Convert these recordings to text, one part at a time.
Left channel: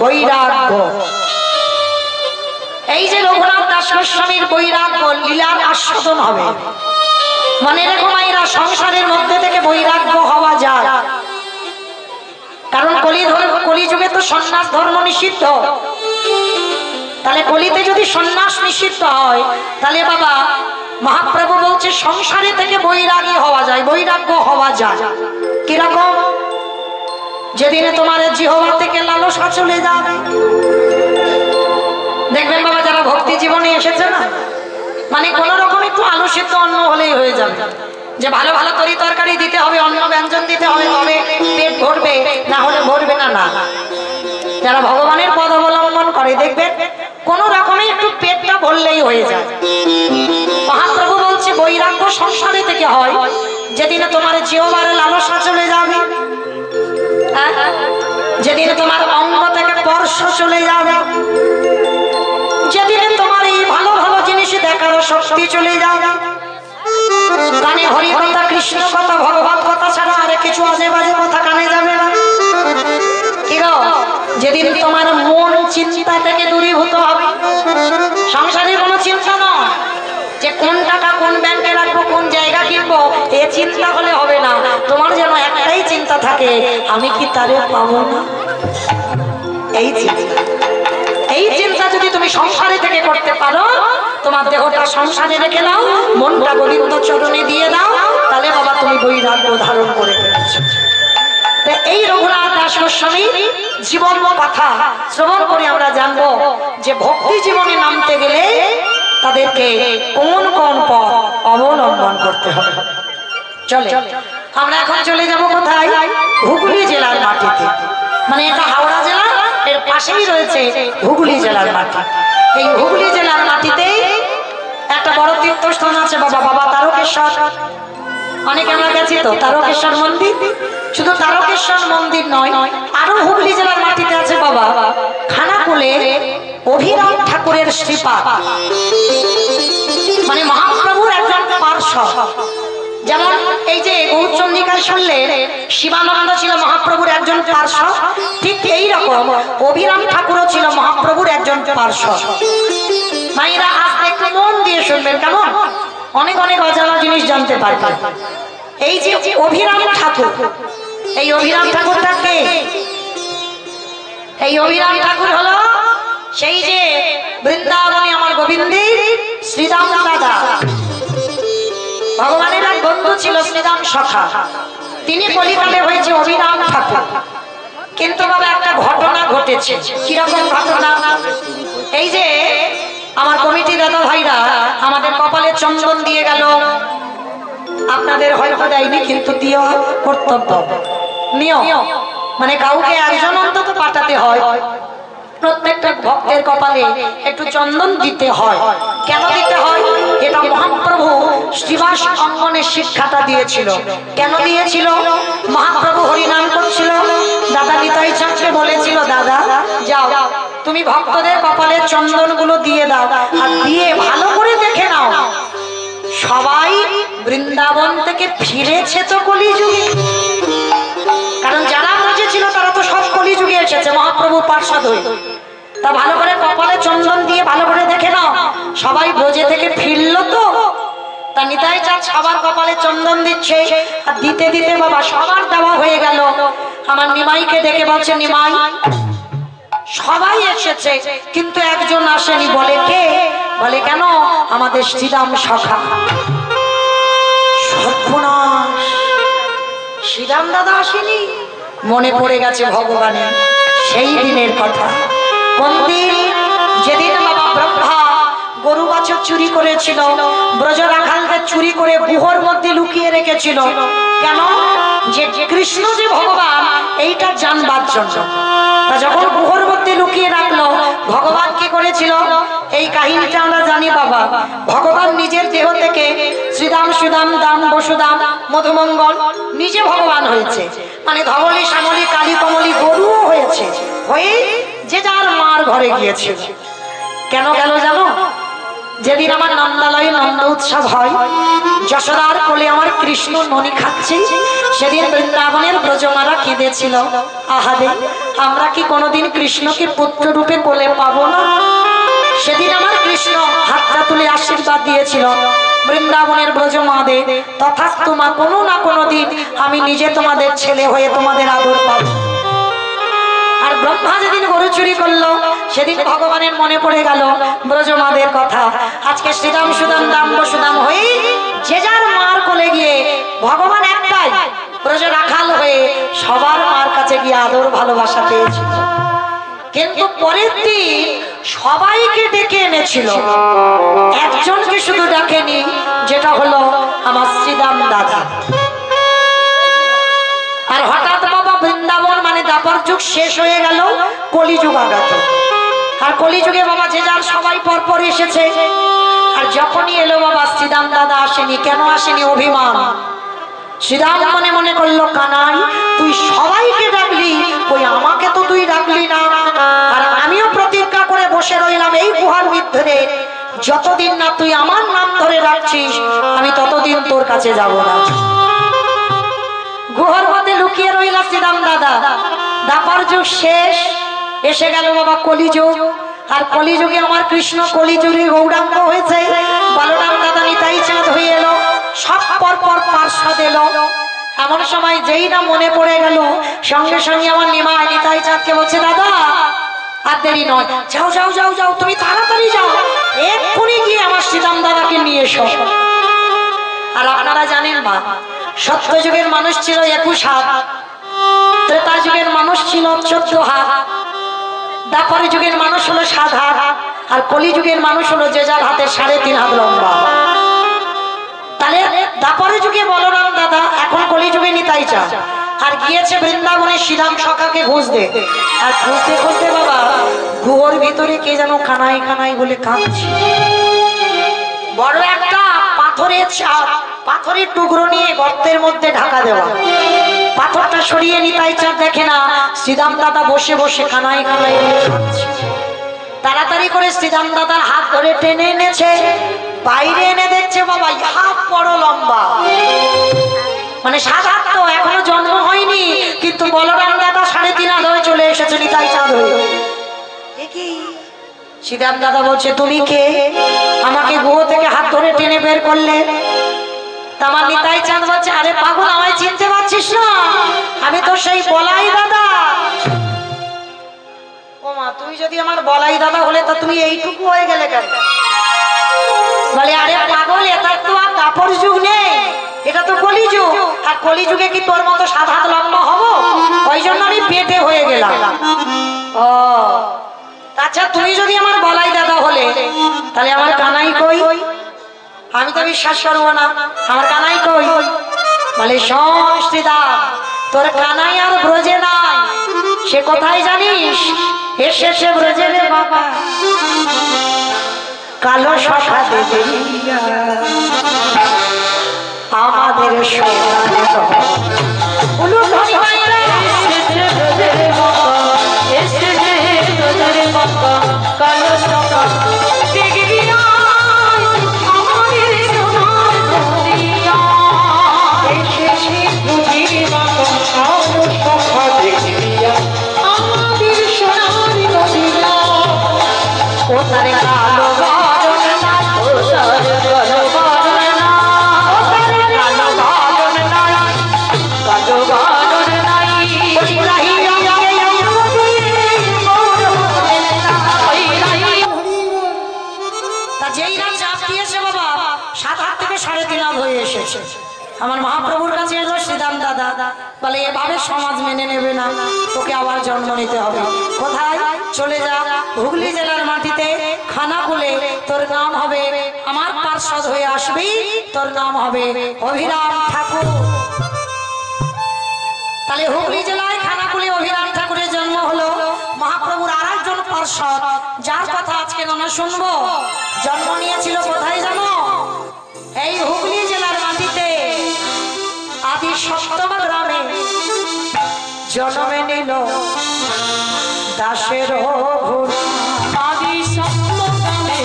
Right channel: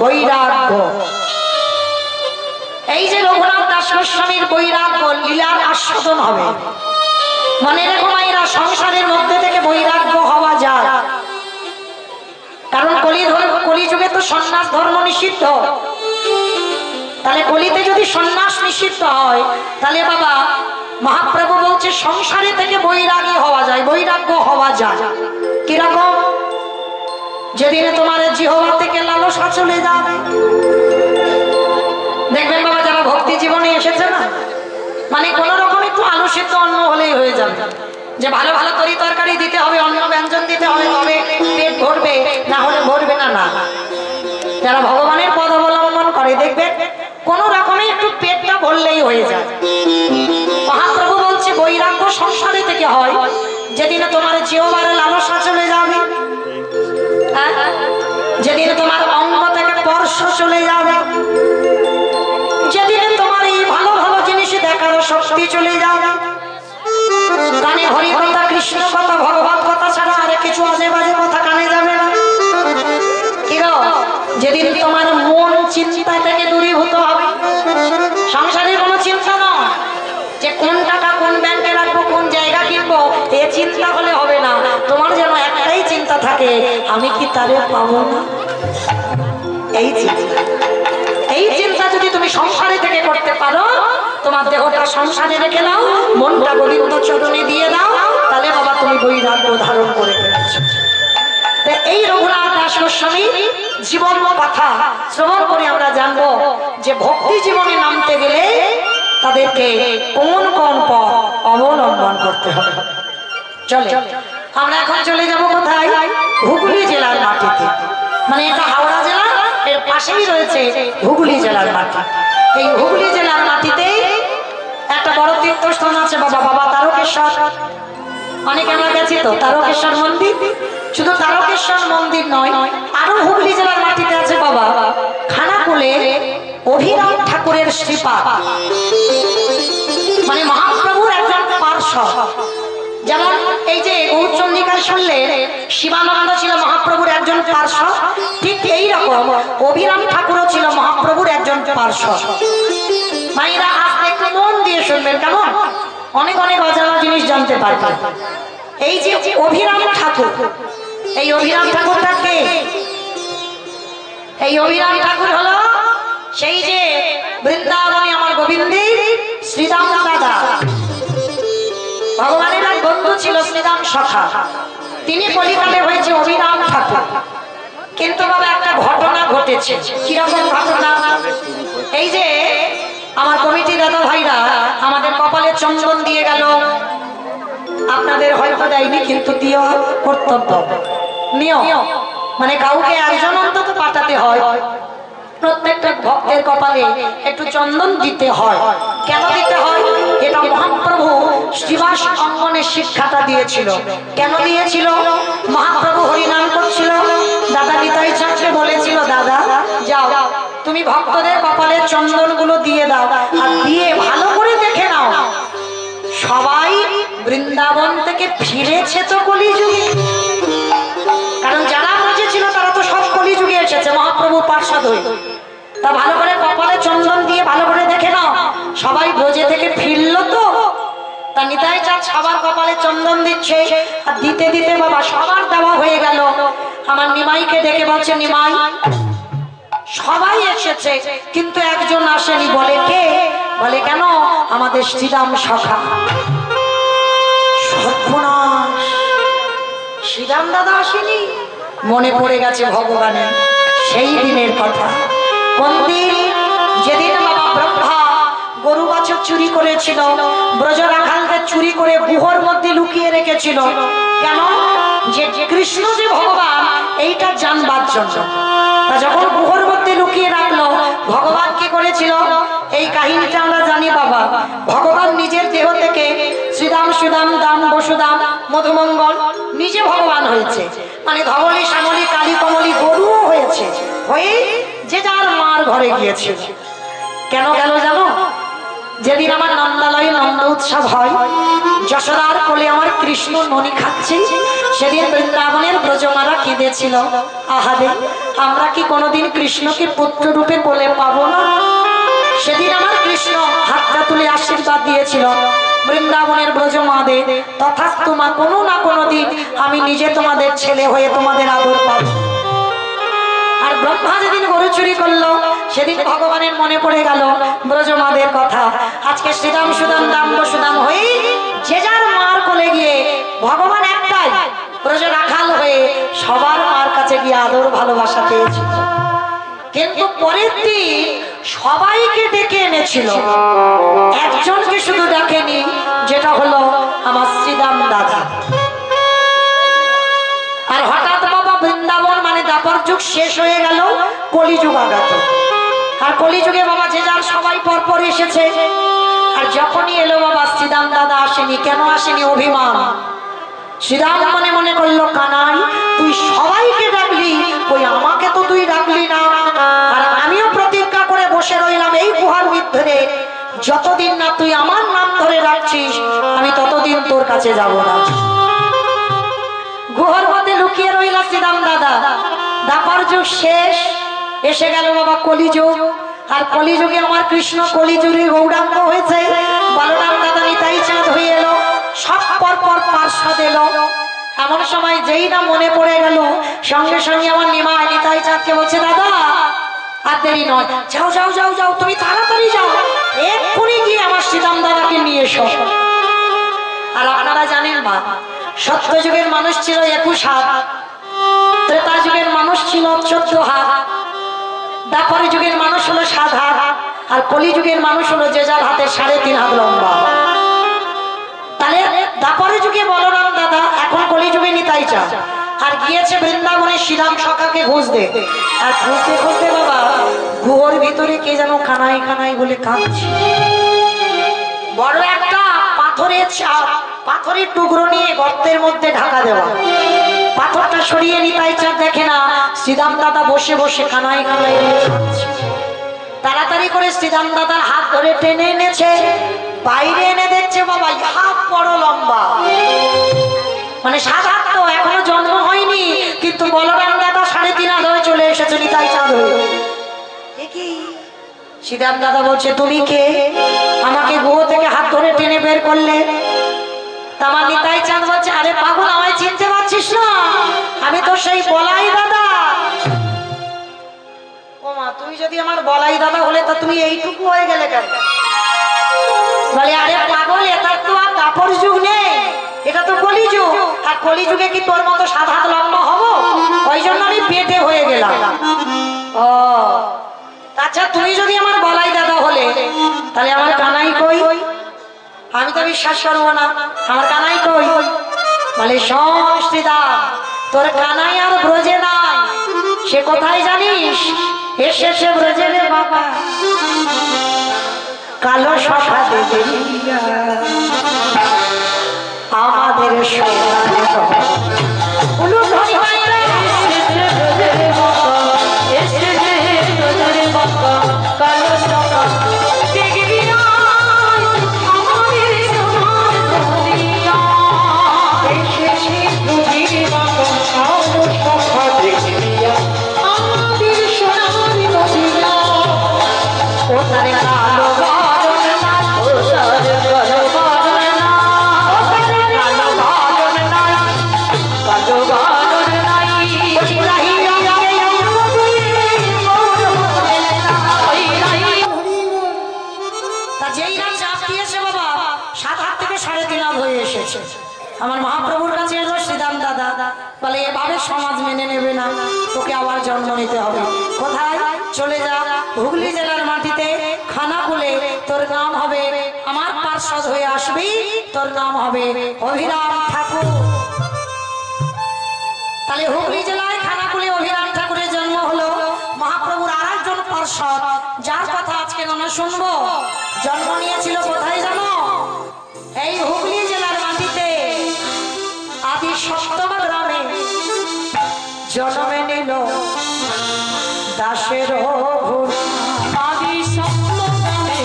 বৈরাগ্য। এই যে রঘুনাথ দাস গোস্বামীর বৈরাগ্য লীলার আস্বাদন হবে। মনে রেখো মায়েরা, সংসারের মধ্যে থেকে বৈরাগ্য হওয়া যায়, কারণ কলিযুগে তো সন্ন্যাস ধর্ম নিষিদ্ধ। তাহলে কলিতে যদি সন্ন্যাস নিষিদ্ধ হয়, তাহলে বাবা মহাপ্রভু বলছে সংসারে থেকে বৈরাগী হওয়া যায়, বৈরাগ্য হওয়া যায়। কিরকম? যেদিনে তোমার জিহ্বা থেকে লালসা চলে যাবে। দেখবেন বাবা, যারা ভক্তি জীবনে এসেছে না, মানে কোন রকম একটু আলু সিদ্ধ অন্ন হলেই হয়ে যাবে, যে ভালো ভালো তরি তরকারি দিতে হবে, অন্ন ব্যঞ্জন দিতে হবে, তবে পেট ভরবে, না হলে ভরবে না। না, যারা ভগবানের পদ অবলম্বন করে দেখবেন কোন রকমে একটু পেটটা ভরলেই হয়ে যায়। মহাপ্রভু বলছে বৈরাগ্য সংসারে থেকে হয়, যেদিনে তোমার জিহ্বার লালসা চলে যাবে, যেদিনে তোমার অঙ্গ থেকে স্পর্শ চলে যাবে, যেদিনে তোমার এই ভালো ভালো জিনিস দেখার শক্তি চলে যাবে, কানে হরি কথা, কৃষ্ণ কথা, ভগবত কথা ছাড়া আর কিছু আজে বাজে কথা কানে যাবে না। কি গো? যেদিন তোমার মন চিন্তা থেকে দূরীভূত হবে, সংসারে কোনো চিন্তা নয় যে কোন টাকা কোন ব্যাংকে রাখবো, কোন জায়গা কিনবো, এ চিন্তা হলে হবে না। তোমার যেন একটাই চিন্তা থাকে, আমি কি তারে পাবো না। এই চিন্তা যদি তুমি সংসারে থেকে করতে পারো, তোমার দেহটা সংসারে রেখে নাও, মনটা গোবিন্দ চরণে দিয়ে দাও, তাহলে বাবা তুমি বৈরাগ্য ধারণ করে ফেলেছো। এই রঘুনাথ দাস গোস্বামী জীবন কথা শ্রবণ করে আমরা জানবো যে ভক্তি জীবনে নামতে গেলে তাদেরকে কোন কোন পথ অবলম্বন করতে হবে। চলে আমরা এখন চলে যাব কোথায়? হুগলি জেলার মাটিতে। মানে এটা হাওড়া জেলা, এর পাশেই রয়েছে হুগলি জেলার মাটি। এই হুগলি জেলার মাটিতে একটা বড় তীর্থস্থান আছে বাবা, বাবা তারকেশ্বর। অনেকে আমরা গেছি তো তারকেশ্বর মন্দির। শুধু তারকেশ্বর মন্দির নয়, আরো হুগলি জেলার মাটিতে আছে বাবা খানাকুলে অভিরাম ঠাকুরের শ্রীপাদ, মানে মহাপ্রভুর একজন পার্শ্বদ। যেমন এই যে গৌরচন্দ্রিকায় শুনলেন শিবানন্দ ছিল মহাপ্রভুর একজন পার্শ্বদ, ঠিক এইরকম অভিরাম ঠাকুরও ছিল মহাপ্রভুর একজন পার্শ্বদ। মায়েরা আজ একটু মন দিয়ে শুনবেন, কেমন অনেক অনেক অজানা জিনিস জানতে পারবেন। এই যে অভিরাম ঠাকুর, এই অভিরাম ঠাকুরটা কে? এই অভিরাম ঠাকুর হলো সেই যে বৃন্দাবনে আমার গোবিন্দের শ্রীরাম দাদা, ভগবানের এক বন্ধু ছিল শ্রীরাম সখা, তিনি কলিকালে হয়েছে অভিরাম ঠাকুর। কিন্তু বাবা একটা ঘটনা ঘটেছে। কিরকম ঘটনা? এই যে আমার কমিটি দাদা ভাইরা আমাদের কপালে চন্দন দিয়ে গেল, আপনাদের হয়তো দেয়নি, কিন্তু দিও কর্তব্য নিয়ম, মানে কাউকে একজন অন্তত পাঠাতে হয়, প্রত্যেকটা ভক্তের কপালে একটু চন্দন দিতে হয়। কেন দিতে হয়? এটা মহাপ্রভু শ্রীবাস অঙ্গনের শিক্ষাটা দিয়েছিল। কেন দিয়েছিল? মহাপ্রভু হরিনাম করছিল, দাদা নিতাই চাঁদকে বলেছিল, দাদা যাও তুমি ভক্তদের কপালে চন্দন গুলো দিয়ে দাও, আর দিয়ে ভালো করে দেখে নাও সবাই বৃন্দাবন থেকে ফিরেছে তো কলিযুগে। কারণ যারা বুঝেছিল তারা তো সব কলিযুগে এসেছে মহাপ্রভু পার্শ্বদ হয়ে। তা ভালো করে কপালে চন্দন দিয়ে ভালো করে দেখে নাও সবাই ব্রজে থেকে ফিরলো তো। তা নিতাই চাঁদ সবার কপালে চন্দন দিচ্ছে, আর দিতে দিতে বাবা সবার দেওয়া হয়ে গেল। আমার নিমাইকে দেখে বলছে, নিমাই সবাই এসেছে কিন্তু একজন আসেনি। বলে কে? বলে কেন? আমাদের শ্রীরাম সখা। সর্বনাশ, শ্রীরাম দাদা আসেনি? মনে পড়ে গেছে ভগবানের সেই দিনের কথা। কোন দিন? যেদিন বাবা ব্রহ্মা গরু বাছুর চুরি করেছিল, ব্রজ রাখালদের চুরি করে গুহর মধ্যে লুকিয়ে রেখেছিল। কেন? যে কৃষ্ণ যে ভগবান এইটা জানবার জন্য। তা যখন গুহর মধ্যে লুকিয়ে রাখলো, ভগবান কি করেছিল এই কাহিনীটা আমরা জানি বাবা। ভগবান নিজের দেহ থেকে শ্রীরাম সুদাম দাম বসুদাম মধুমঙ্গল নিজে ভগবান হয়েছে, মানে ধবলি শ্যামলী কালী কমলী গরুও হয়েছে, হয়ে যে যার মার ঘরে গিয়েছিল। কেন গেল জানো? যেদিন আমার নন্দালয়ে নন্দ উৎসব হয়, যশোদার কোলে আমার কৃষ্ণ ননি খাচ্ছে, সেদিন বৃন্দাবনের ব্রজমারা কেঁদেছিল, আহারে আমরা কি কোনোদিন কৃষ্ণকে পুত্র রূপে কোলে পাবো না। সেদিন আমার কৃষ্ণ হাতটা তুলে আশীর্বাদ দিয়েছিল বৃন্দাবনের ব্রজমাদের, তথাস্তু মা কোনো না কোনো দিন আমি নিজে তোমাদের ছেলে হয়ে তোমাদের আদর পাবো। আর ব্রহ্মা যেদিন গরু চুরি করলো, সেদিন ভগবানের মনে পড়ে গেল ব্রজমাদের কথা। আজকে শ্রীরাম সুদাম দাম সুদাম হয়ে যে যার মার কোলে গিয়ে ভগবান একটাই ব্রজ রাখাল হয়ে সবার মার কাছে গিয়ে আদর ভালোবাসা পেয়েছে। কিন্তু পরের দিন সবাইকে ডেকে এনেছিল, একজনকে শুধু ডাকেনি, যেটা হলো আমার শ্রীরাম দাদা। আর হঠাৎ বাবা বৃন্দাবন মানে দাপর যুগ শেষ হয়ে গেল, কলিযুগ আগত। আর কলিযুগে বাবা যে যার সবাই পরপর এসেছে। আর যখনই এলো বাবা শ্রীরাম দাদা আসেনি। কেন আসেনি? অভিমান। শ্রীরাম মনে মনে করলো, কানাই তুই সবাইকে ডাকলি, ওই আমাকে তো তুই ডাকলি না। আর আমিও প্রতিজ্ঞা করে বসে রইলাম এই গুহার ভিতরে, যতদিন না তুই আমার নাম ধরে রাখছিস আমি ততদিন তোর কাছে যাব না। গুহার মধ্যে লুকিয়ে রইলা শ্রীরাম দাদা। দাপর যুগ শেষ, এসে গেল বাবা কলিযুগ। আর কলিযুগে আমার কৃষ্ণ কলিযুগে গৌরাঙ্গ হয়েছে। বলরাম দাদা নিতাই চাঁদ হয়ে এলো, সব পরপর পার্শ্বদ এলো। এমন সময় যেই না মনে পড়ে গেল, সঙ্গে সঙ্গে আমার নিমাই নিতাই চাঁদকে বলছে, দাদা আর দেরি নয়, যাও যাও যাও যাও, তুমি তাড়াতাড়ি যাও, এক্ষুনি গিয়ে আমার শ্রীরাম দাদাকে নিয়ে এসো। আর আপনারা জানেন মা, সত্য যুগের মানুষ ছিল 21 হাত, ত্রেতা যুগের মানুষ ছিল 14 হাত, দাপর যুগের মানুষ হলো 7 হাত, আর কলি যুগের মানুষ হলো যে যার হাতে 3.5 হাত লম্বা। তাহলে দাপর যুগে বলরাম দাদা, এখন কলি যুগে নিতাই চাঁদ। আর গিয়েছে বৃন্দাবনে শ্রীরাম সখাকে খুঁজতে। আর খুঁজতে খুঁজতে বাবা গুহর ভিতরে কে যেন কানাই কানাই বলে কাঁদছে। বড় একটা পাথরের চাপ, পাথরের টুকরো নিয়ে গর্তের মধ্যে ঢাকা দেওয়া। পাথরটা সরিয়ে নিতাই চাঁদ দেখে না শ্রীরাম দাদা বসে বসে কানাই কানাই কাঁদছে। তাড়াতাড়ি করে শ্রীরাম দাদার হাত ধরে টেনে এনেছে, বাইরে এনে দেখছে বাবা হাত বড় লম্বা, মানে 7 হাত তো এখনো জন্ম হয়নি, কিন্তু বলরাম দাদা 3.5 হাত হয়ে চলে এসেছে নিতাই চাঁদ হয়ে। শ্রীরাম দাদা বলছে, তুমি কে? আমাকে গুহ থেকে হাত ধরে টেনে বের করলে। আমার নিতাই চাঁদ বলছে, আরে পাগল, আমায় চিনতে পারছিস না? আমি তো সেই বলাই দাদা। ও মা, তুই যদি আমার বলাই দাদা হলে তো তুমি এইটুকু হয়ে গেলে কেন? বলে, আরে পাগল, এটা তো আর দাপর যুগ নেই, এটা তো কলিযুগ। আর কলিযুগে কি তোর মতো 7 হাত লম্বা হবো? ওই জন্য আমি পেটে হয়ে গেলাম। ও আচ্ছা, তুমি যদি আমার বলাই দাদা হলে তাহলে আমার কানাই কই? আমি তো বিশ্বাস করবো না, আমার কানাই কই? বলে, শ্রীদা, তোর কানাই আর ব্রজে নাই, সে কোথায় জানিস? এসেছে ব্রজে রে বাবা, কালো সখা দেবে আমাদের কালো সখা দেখবি না আমাদের সোনার নদিয়া। ও তারে কালো বারণ না, ও তারে কালো বারণ না, ও তারে কালো বারণ না, কালো বারণ নাই। যেই না চাপ দিয়েছে বাবা, 7 হাত থেকে 3.5 হাত হয়ে এসেছে। আমার মহাপ্রভুর কাছে এলো শ্রীরাম দাদা, বলে এভাবে সমাজ মেনে নেবে না, তোকে আবার জন্ম নিতে হবে। কোথায়? চলে যা হুগলি জেলার মাটিতে খানাকুলে, তোর নাম হবে, আমার পার্ষদ হয়ে আসবি, তোর নাম হবে অভিরাম ঠাকুর। তাহলে হুগলি জেলায় খানাকুলে অভিরাম ঠাকুরের জন্ম হলো। মহাপ্রভুর আর একজন পার্ষদ, যার কথা আজকে আমরা শুনবো, জন্ম নিয়েছিল কোথায় জানো? এই হুগলি জেলার মাটিতে আদি 7ম গ্রামে জন্মে নিল দাসের ঘোর। আদি 7ম গ্রামে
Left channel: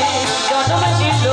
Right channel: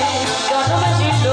জন্মে নিল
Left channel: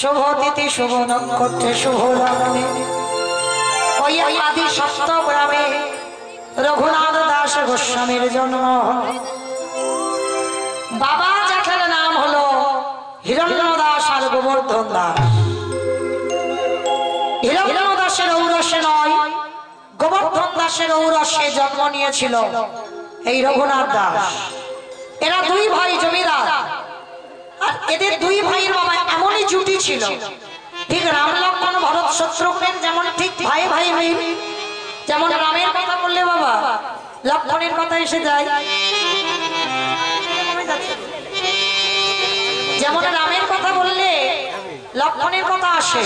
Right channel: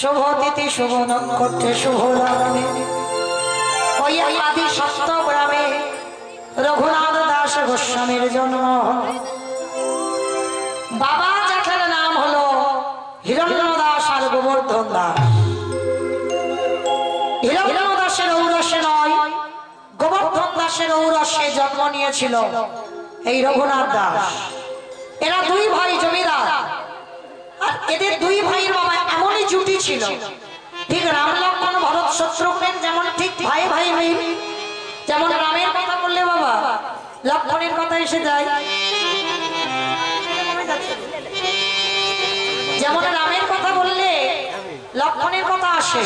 শুভ তিথি শুভ নক্ষত্রে শুভ লগ্নে ওই আদি সপ্তগ্রামে রঘুনাথ দাস গোস্বামীর জন্ম। বাবা জ্যাঠার নাম হলো হিরণ্য দাস আর গোবর্ধন দাস। হিরণ্য দাসের ঔরসে নয়, গোবর্ধন দাসের ঔরসে জন্ম নিয়েছিল এই রঘুনাথ দাস। এরা দুই ভাই জমিদার, আর এদের দুই ভাইয়ের বাবা এমনই জুটি ছিল, ঠিক রাম লক্ষ্মণ ভরত শত্রুঘ্ন যেমন ঠিক ভাই ভাই মিল। যেমন রামের কথা বললে বাবা লক্ষ্মণের কথা এসে যায়, যেমন রামের কথা বললে লক্ষ্মণের কথা আসে,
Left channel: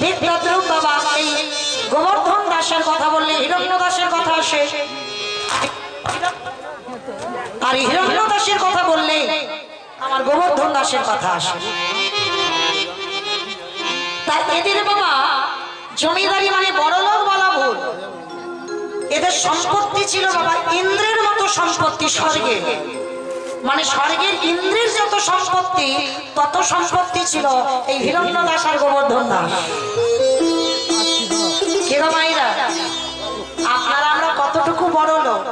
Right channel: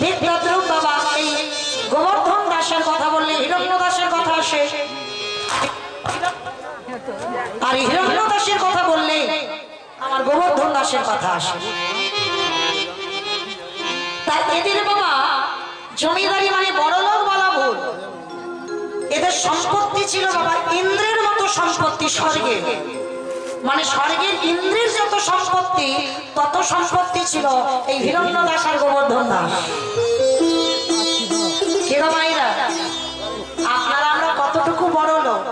ঠিক তদ্রূপ বাবা এই গোবর্ধন দাসের কথা বললে হিরণ্য দাসের কথা আসে, আর হিরণ্য দাসের কথা বললে আমার গোবর্ধন দাসের কথা আসে। তাই এদের বাবা জমিদারি মানে বড়লোক বলা ভুল। এদের সম্পত্তি ছিল বাবা ইন্দ্রের মতো সম্পত্তি স্বর্গে, মানে স্বর্গের ইন্দ্রের যত সম্পত্তি তত সম্পত্তি ছিল এই হিরণ্য দাস আর গোবর্ধন দাস। কে গো মাইরা, আপনারা আমরা কতটুকু বড় লোক,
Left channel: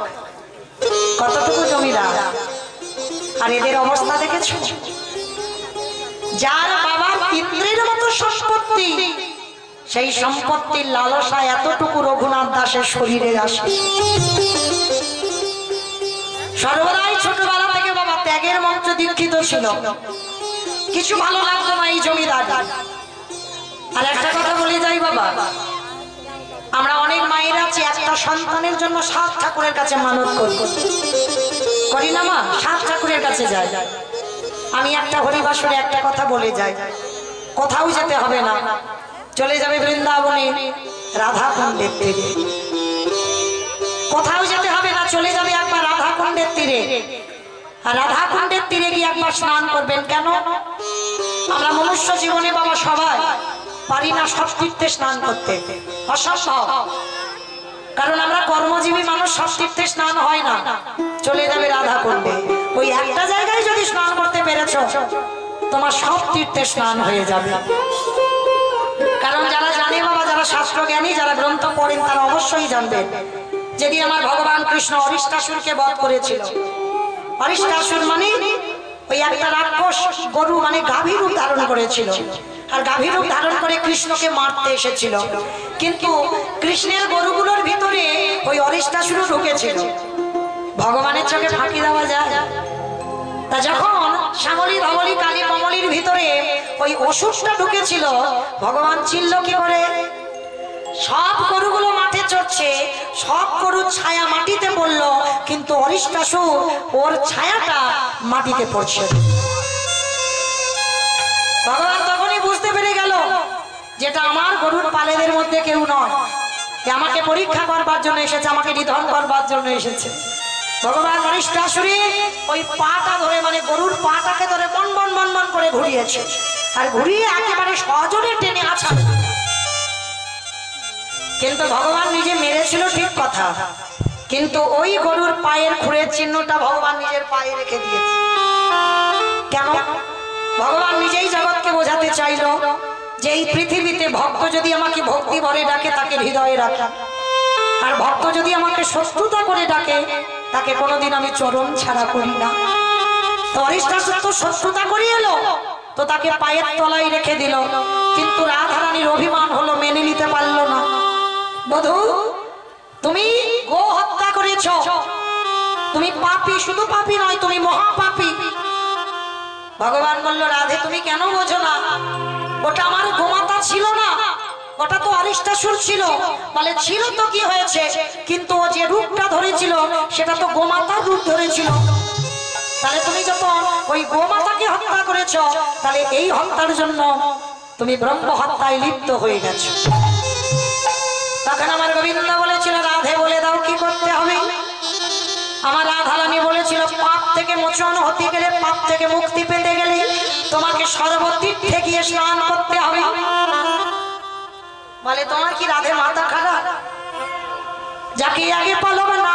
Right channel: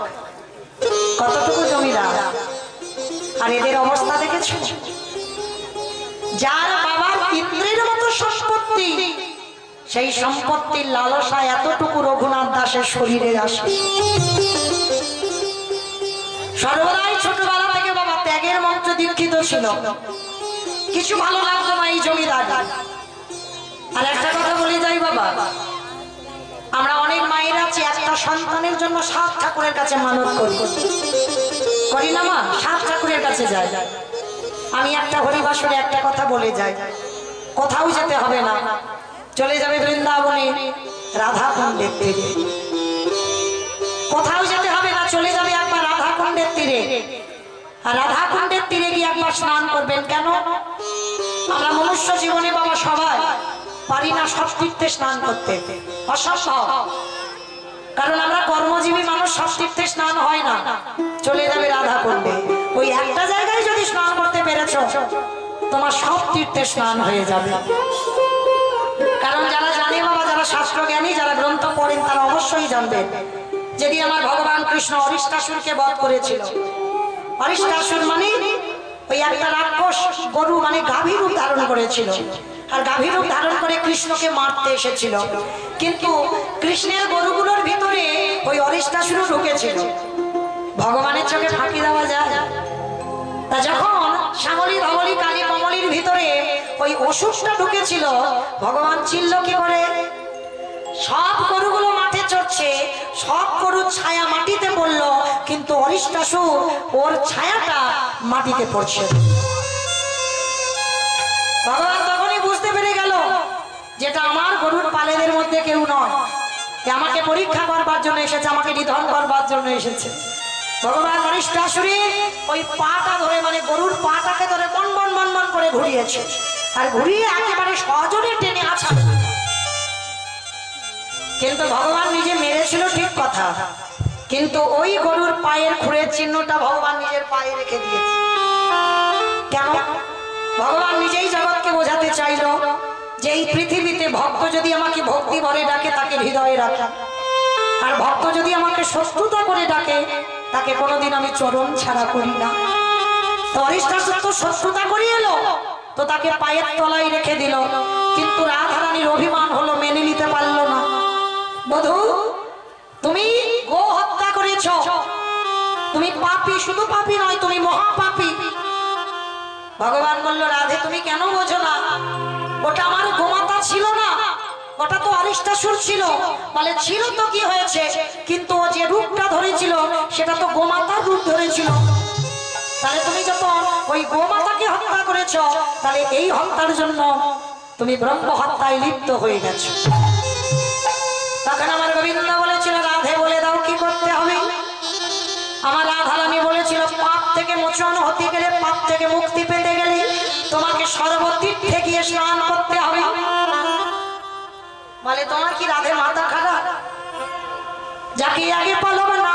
কতটুকু জমিদার, আর এদের অবস্থা দেখেছো? যার বাবার ইন্দ্রের মতো সম্পত্তি, সেই সম্পত্তির লালসা এতটুকু রঘুনাথ দাসের শরীরে আসে। সর্বদাই ছোটবেলা থেকে বাবা ত্যাগের মন্ত্র দীক্ষিত ছিল, কিছু ভালো লাগতো না এই জমিদার। আর একটা কথা বলে যাই বাবা, আমরা অনেক মায়ের আছি একটা সন্তানের জন্য 7 ঠাকুরের কাছে মানত করি না মা, 7 ঠাকুরের কাছে যাই। আমি একটা হরিবাসরে একটা কথা বলে যাই, কোথাও যেতে হবে না, চলে যাবে বৃন্দাবনে রাধা কুণ্ডের তীরে, কোথাও যেতে হবে না, চলে যাবে একবার রাধা কুণ্ডের তীরে। আর রাধা কুণ্ডের তীরে গিয়ে একবার স্নান করবেন। কেন? আমরা মনুষ্য জীবনে বাবা সবাই পারি না সব তীর্থে স্নান করতে, অসম্ভব। কারণ আমরা কর্মজীবী মানুষ, সব তীর্থে স্নান হয় না। চলে যাবে রাধা কুণ্ডে, ওই একটা জায়গায় যদি স্নান করতে পেরেছ তোমার সব তীর্থে স্নান হয়ে যাবে। কারণ যারা জানে বাবা, যারা শাস্ত্র জ্ঞানী, যারা গ্রন্থ পড়েন, তারা অবশ্যই জানবেন যেদিন আমার ভগবান কৃষ্ণ অরিষ্টাসুরকে বধ করেছিল। অরিষ্টাসুর মানে ওই একটা রাক্ষস গরু মানে গাভী রূপ ধারণ করেছিল, আর গাভী রূপ ধারণ করে কৃষ্ণকে মারতে এসেছিল। কিন্তু কৃষ্ণের গরুগুলোর ভিতরে ওই অরিষ্টাসুর ঢুকেছিল। ভগবানের চোখে ফাঁকি দেওয়া যায়? তা যখন শ্যামলী ধবলী কালী কমলির ভিতরে ওই অসুরটা ঢুকেছিল, ভগবান চিল্ল কি করে? সব গরুগুলো মাঠে চড়ছে, সব গরুর ছায়া মাটিতে পড়লো, কিন্তু অরিষ্টাসুর ওর ছায়াটা মাটিতে পড়ছে। ভগবান তখনই বুঝতে পেরে গেল যেটা আমার গরুর পালেদের মধ্যে কেউ নয়, আমাকে পরীক্ষা করবার জন্য এসেছে, আমাকে নিধন করবার জন্য এসেছে। ভগবান অরিষ্টাসুরে ওই পাটা ধরে মানে গরুর পাটাকে ধরে বন বন বন বন করে ঘুরিয়েছে, আর ঘুরিয়ে একেবারে সজোরে টেনে আছাড়। কিন্তু ভগবান নিজে মেরেছিল ঠিক কথা, কিন্তু ওই গরুর পায়ের খুঁড়ের চিহ্নটা ভগবান নিজের পায়ে রেখে দিয়েছে। কেন? ভগবান নিজেই জগৎকে বোঝাতে চাইল যে এই পৃথিবীতে ভক্ত যদি আমাকে ভক্তি ভরে ডাকে তাকে হৃদয়ে রাখা, আর ভক্ত যদি আমাকে শত্রুতা করে ডাকে তাকে কোনোদিন আমি চরণ ছাড়া করি না। তো অরিষ্টাসুর তো শত্রুতা করে এলো, তো তাকে পায়ের তলায় রেখে দিল, কিন্তু রাধারানীর অভিমান হলো, মেনে নিতে পারলো না। বধূ, তুমি গো হত্যা করেছ, তুমি পাপী, শুধু পাপী নয় তুমি মহাপাপী। ভগবান বলল, রাধে তুমি কেন বোঝো না? ওটা আমার গোমাতা ছিল না, ওটা তো অরিষ্টাসুর ছিল। বলে ছিল তো কি হয়েছে, কিন্তু ও যে রূপটা ধরেছিল সেটা তো গোমাতার রূপ ধরেছিল। তাহলে তুমি যখন ওই গোমাতাকে হত্যা করেছ, তাহলে এই হত্যার জন্য তুমি ব্রহ্ম হত্যায় লিপ্ত হয়ে গেছো। তখন আমার গোবিন্দ বলেছিল, রাধে বলে দাও কি করতে হবে। আমার রাধারানী বলেছিল, পাপ থেকে মোচন হতে গেলে, পাপ থেকে মুক্তি পেতে গেলে তোমাকে সর্বতীর্থে গিয়ে স্নান করতে হবে। বলে তোমার কি রাধে মাথা খারাপ? যাকে আগে পলক না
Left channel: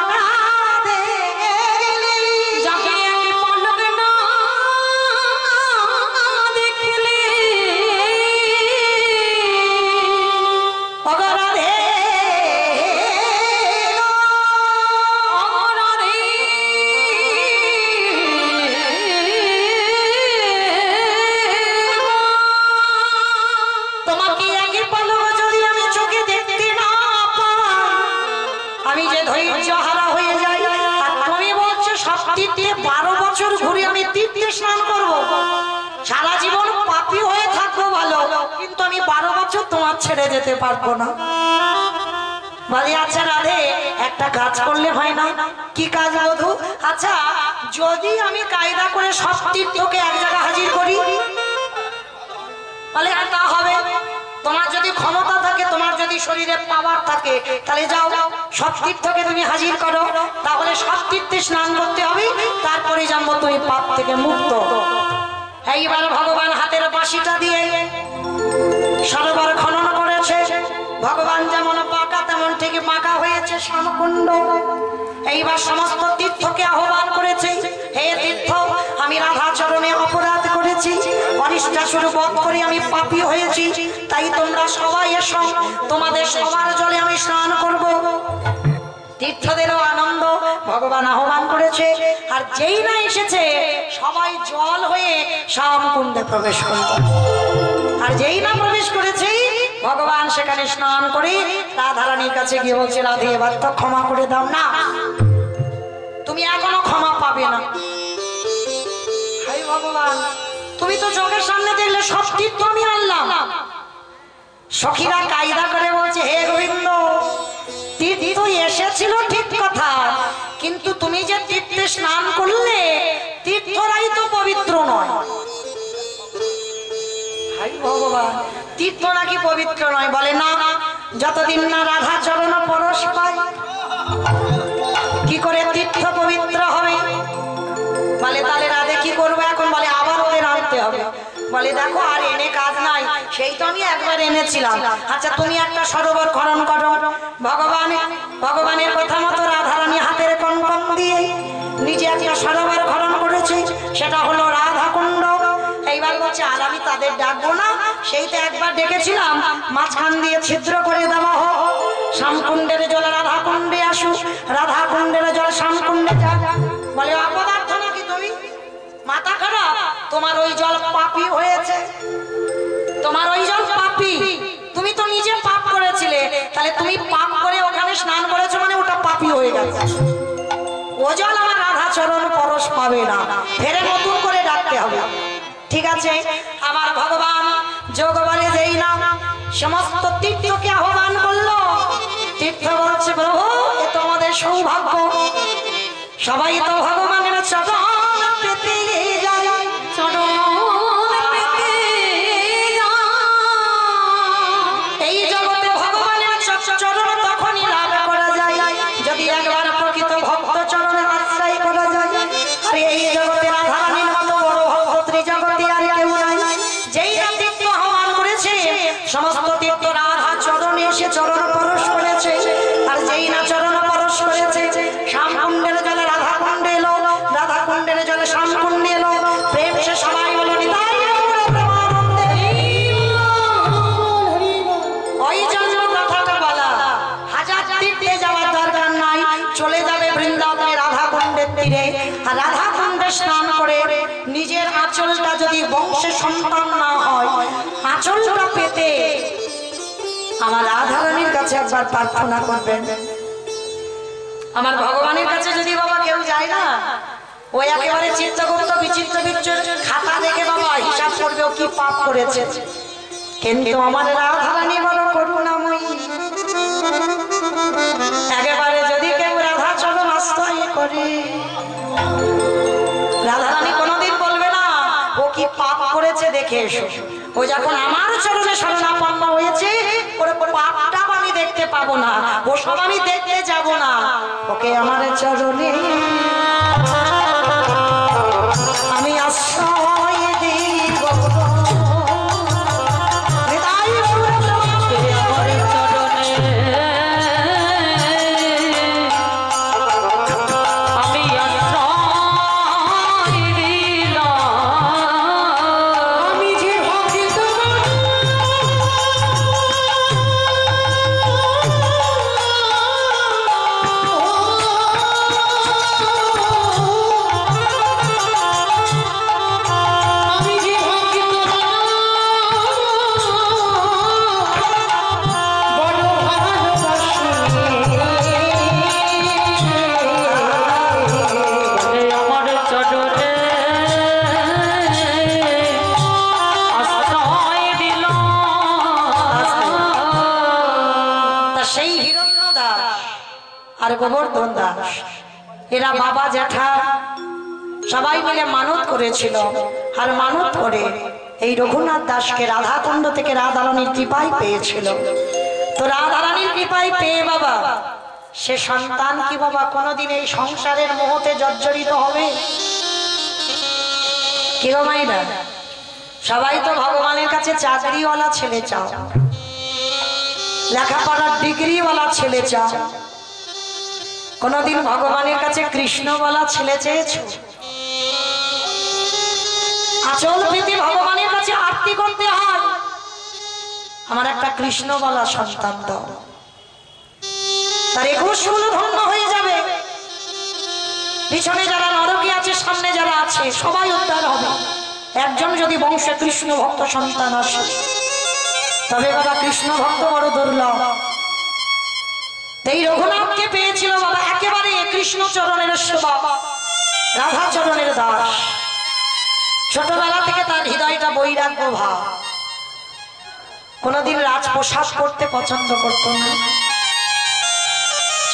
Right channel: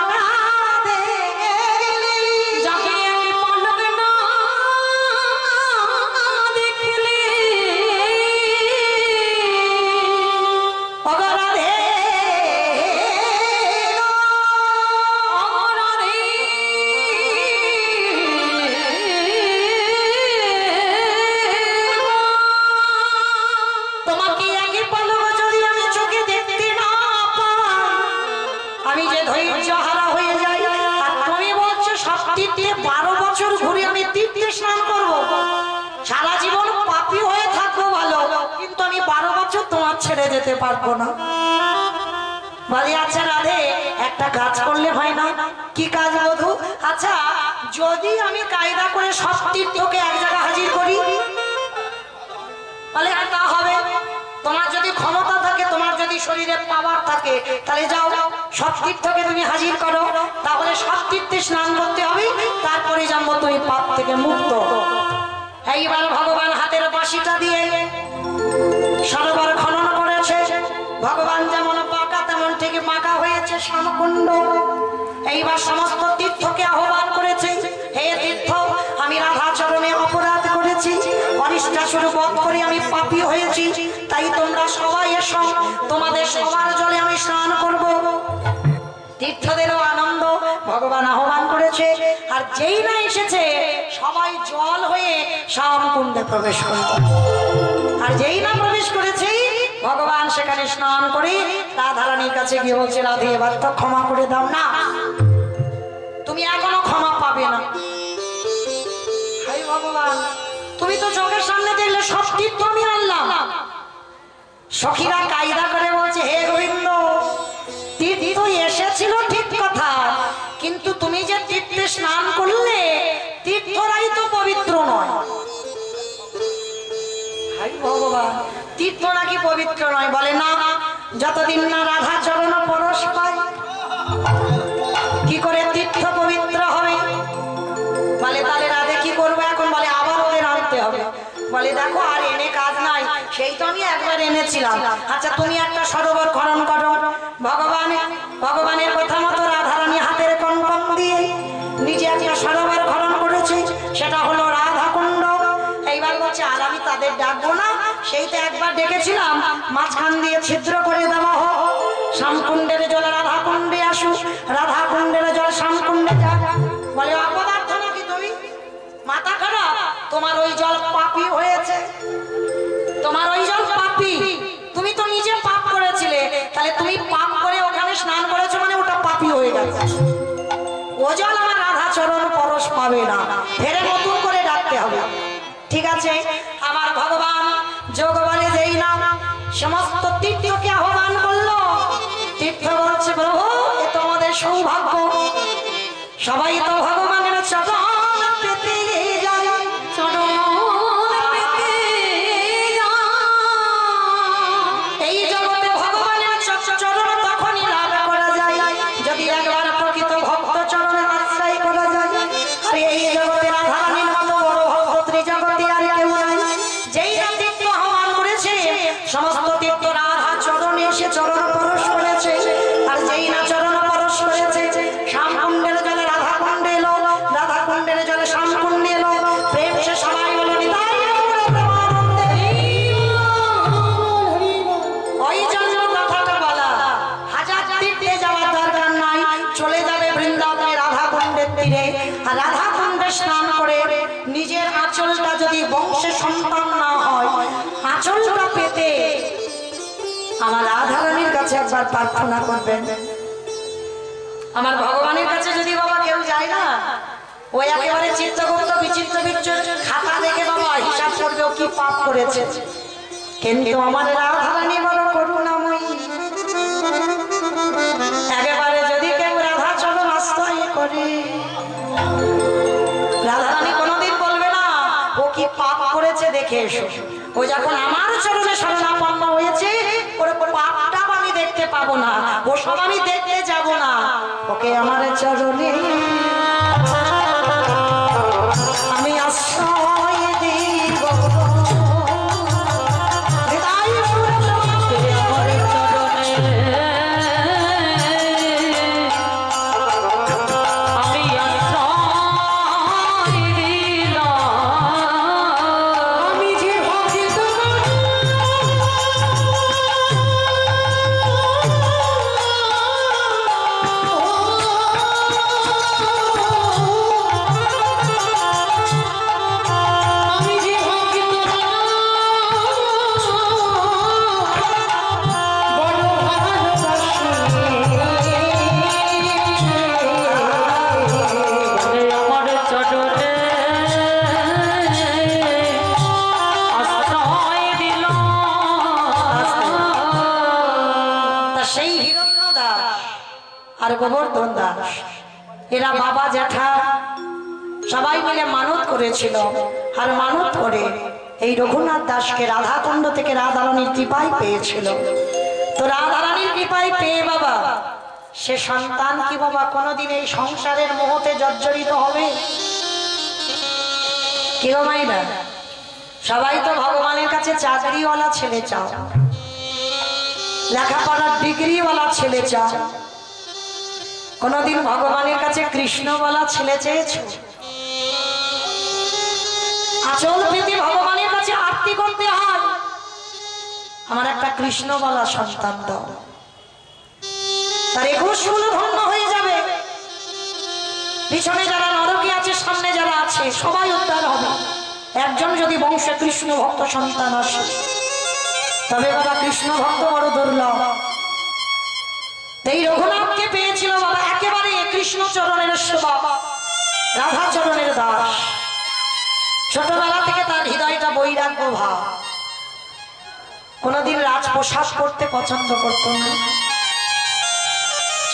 দেখলে, যাকে আগে পলক না দেখলে একই পলক যদি আমি চোখে দেখতে না পাই, আমি যে ধৈর্য হারা হয়ে যাই। আর তুমি বলছো সব তীর্থে 12 বছর ঘুরে আমি তীর্থে স্নান করব, সারা জীবন পাপী হয়ে থাকবো ভালো, কিন্তু আমি 12 বছর তোমার ছেড়ে যেতে পারবো না। বলি আচ্ছা রাধে, একটা কাজ করলে হয় না? কি কাজ বধূ? আচ্ছা যদি আমি কায়দা করে সব তীর্থকে এক জায়গায় হাজির করি, তাহলে তা হবে? তোমার যদি ক্ষমতা থাকে, তোমার যদি শরীরে পাওয়ার থাকে, তাহলে যাও সব তীর্থকে তুমি হাজির করো, তাহলে সব তীর্থে স্নান করতে হবে, তারপরে জানবো তুমি পাপ থেকে মুক্ত। এইবার ভগবান হাতের বাঁশিটা দিয়ে সরোবর খনন করেছে। ভগবান যেমন পাকা তেমন ঠিক পাকা হয়েছে শ্যামকুণ্ড। এইবার সমস্ত তীর্থকে আহ্বান করেছে, হে তীর্থ, আমি রাধা চরণে অপরাধ করেছি, অনিষ্টাসুর বধ করে আমি পাপী হয়েছি, তাই তোমরা সবাই এসো, তোমাদের সবার জলে আমি স্নান করব। তীর্থদেরও আনন্দ, ভগবান আহ্বান করেছে, আর যেই না এসেছে সবাই জল হয়ে শ্যামকুণ্ডে প্রবেশ করল। আর যেই না প্রবেশ করেছে ভগবান সেখানে স্নান করে রাধারানীর কাছে গিয়ে বলছে, রাধে এবার তো ক্ষমা করে দাও না, তুমি এখনো ক্ষমা পাবে না। হাই ভগবান, তুমি তো চোখের সামনে দেখলে সব তীর্থ আমি আনলাম। সখীরা কায়দা করে বলছে, হে গোবিন্দ, তীর্থ এসেছিল ঠিক কথা, কিন্তু তুমি যে তীর্থে স্নান করলে তীর্থরাই তো পবিত্র নয়। হাই ভগবান, তীর্থ নাকি পবিত্র নয়? বলে না, যতদিন না রাধা চরণ পরশ পায় কি করে তীর্থ পবিত্র হবে? বলে তাহলে রাধে কি করবো এখন? বলে আবার ওদের আনতে হবে। বলে দেখো আর এনে কাজ নাই, সেই তো আমি একবার এনেছিলাম। আচ্ছা তুমি একটা সরোবর খনন করো। ভগবানের কথা মতো রাধারানী হাতের কঙ্কন দিয়ে নিজে একটা সরোবর খনন করেছে, সেটা হলো রাধা কুণ্ড। এইবার বলছে আর আমি তাদের ডাকবো না, সেই তো একবার ডেকেছিলাম, মাঝখান দিয়ে ছিদ্র করে দেওয়া হোক, শ্যামকুণ্ডের জল রাধা কুণ্ডে আসুক, রাধা কুণ্ডের জল শ্যামকুণ্ডে যা। বলে অপদার্থ নাকি তুমি? মাথা খারাপ? তোমার ওই জল পাপী হয়েছে, তোমার ওই জল পাপী, তুমি তো নিজে পাপ করেছিলে, তাহলে তুমি পাপ করে ওখানে স্নান করেছো মানে ওটা পাপী হয়ে গেছে। ও জল আমার রাধা চরণ পরশ পাবে না, ফেরে নতুন করে ডাকতে হবে। ঠিক আছে, আমার ভগবান যোগ বলে যেই না সমস্ত তীর্থকে আহ্বান করলো, তীর্থ বলছে প্রভু এ তোমাদের সৌভাগ্য, সবাই তো ভগবানের চরণ পেতে যায়, চরণ পেতে যায়। এই জগতে ভগবানের চরণ তখনই লাভ করা যায় যদি একবার প্রকৃত ভক্ত চরণে আশ্রয় করা যায়। আর এই জগতে রাধারানীর মতো বড় ভক্ত ত্রিজগতে আর কেউ নাই। যেই না তীর্থ আহ্বান করেছে সমস্ত তীর্থ রাধা চরণে এসে চরণ পরশ করেছে, আর যেই না চরণ পরশ করেছে শ্যামকুণ্ডের জলে রাধা কুণ্ডে এলো, রাধা কুণ্ডের জলে শ্যামকুণ্ডে এলো, প্রেম সে সবাই বলো নিতাই। ওই জন্য কথাটা বলা, হাজার তীর্থে যাওয়ার দরকার নাই, চলে যাবে বৃন্দাবনে রাধা কুণ্ডের তীরে, আর রাধা কুণ্ডে স্নান করে নিজের আঁচলটা যদি বংশে সন্তান না হয়, আঁচলটা পেতে আমার রাধারানীর কাছে একবার প্রার্থনা করবেন। আমার ভগবানের কাছে যদি বাবা কেউ যায় না, ওই একেবারে চিত্তগুপ্ত বিচিত্র বিচ্ছুর খাতা দেখে বাবা হিসাব করবে ও কি পাপ করেছে। কিন্তু আমার রাধারানী বড় করুণাময়ী, একেবারে যদি কেউ রাধা চরণ আশ্রয় করে, রাধারানী কোনোদিন বলবে না ও কি পাপ করেছে দেখে এসো। ও যখন আমার চরণে শরণাপন্ন হয়েছে ওর পাপটা আমি দেখতে পাবো না, ও সব আমি দেখতে যাব না, ওকে আমার চরণে আমি আশ্রয় দিব। আর গোবর্ধন দাস, এরা বাবা জ্যাঠা সবাই মিলে মানত করেছিল। আর মানত করে এই রঘুনাথ দাসকে রাধাকুণ্ড থেকে রাধারানীর কৃপায় পেয়েছিল। তো রাধারানীর কৃপায় পেয়ে বাবা সে সন্তান কি বাবা কোনোদিন এই সংসারের মোহতে জর্জরিত হবে? কি গো মাইরা, সবাই তো ভগবানের কাছে চাকরিওয়ালা ছেলে চাও, লেখাপড়ার ডিগ্রিওয়ালা ছেলে চাও, কোনদিন ভগবানের কাছে কৃষ্ণওয়ালা ছেলে চেয়েছো? আচল পেতে ভগবানের কাছে আরতি করতে হয়, আমার একটা কৃষ্ণওয়ালা সন্তান দাও, তার 21 গুলো ধন্য হয়ে যাবে। পিছনে যারা নরকে আছে, সামনে যারা আছে, সবাই উদ্ধার হবে। একজন যদি বংশে কৃষ্ণ ভক্ত সন্তান আসে, তবে বাবা কৃষ্ণ ভক্ত বড় দুর্লভ। এই রঘুনাথকে পেয়েছিল বাবা একেবারে কৃষ্ণ চরণের সেবক, রাধা চরণের দাস। ছোটবেলা থেকে তার হৃদয়টা বৈরাগ্য ভাব, কোনদিন রাজপ্রসাদ করতে পছন্দ করত না।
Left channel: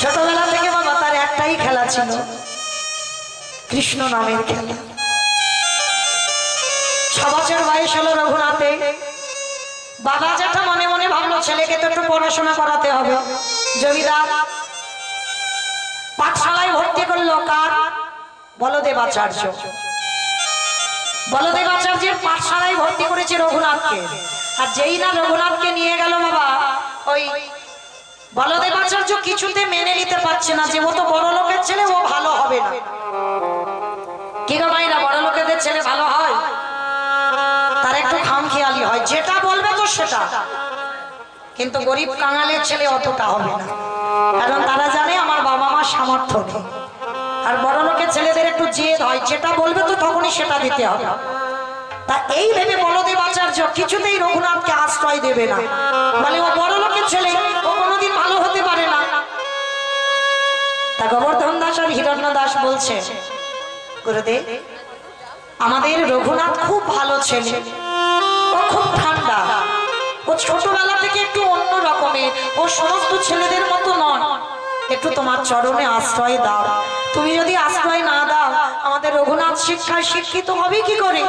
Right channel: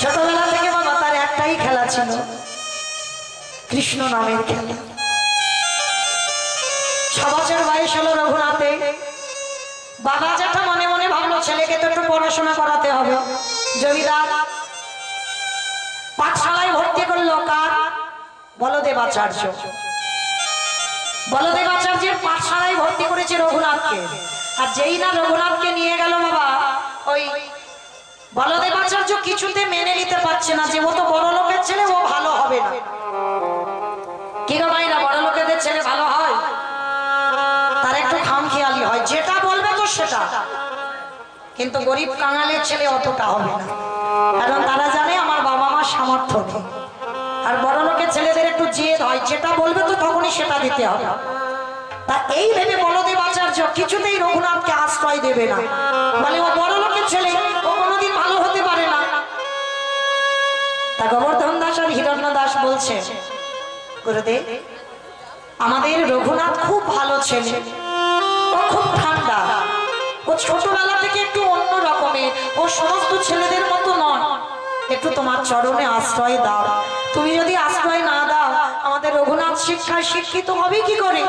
ছোটবেলা থেকে বাবা তার একটাই খেলা ছিল, কৃষ্ণ নামের খেলা। 6 বছর বয়স হলো রঘুনাথে, বাবা জ্যাঠা মনে মনে ভাবলো ছেলেকে তো একটু পড়াশোনা করাতে হবে। জমিদার পাঠশালায় ভর্তি করলো কার? বলদেবাচার্য। বলদেবাচার্যের পাঠশালায় ভর্তি করেছে রঘুনাথকে। আর যেই না রঘুনাথকে নিয়ে গেল বাবা, ওই বলদেবাচার্য কিছুতে মেনে নিতে পারছে না যে ও তো বড় লোকের ছেলে, ও ভালো হবে না। কি গো ভাইরা, বড় লোকেদের ছেলে ভালো হয়? তার একটু খামখেয়ালি হয়, যেটা বলবে তো সেটা। কিন্তু গরিব কাঙালের ছেলে অতটা হবে না, কারণ তারা জানে আমার বাবা মার সামর্থ্য নেই। আর বড় লোকের ছেলেদের একটু জেদ হয়, যেটা বলবে তো তখনই সেটা দিতে হবে। তা এই ভেবে বলদেবাচার্য কিছুতেই রঘুনাথকে আশ্রয় দেবে না, মানে ও বড় লোকের ছেলে, ও কোনোদিন ভালো হতে পারে না। তা গোবর্ধন দাস আর হিরণ্য দাস বলছে, গুরুদেব আমাদের রঘুনাথ খুব ভালো ছেলে, ও খুব ঠান্ডা, ও ছোটবেলা থেকে একটু অন্য রকমের, ও সমস্ত ছেলেদের মতো নয়, একটু তোমার চরণে আশ্রয় দাও। তুমি যদি আশ্রয় না দাও, আমাদের রঘুনাথ শিক্ষায় শিক্ষিত হবে কি করে?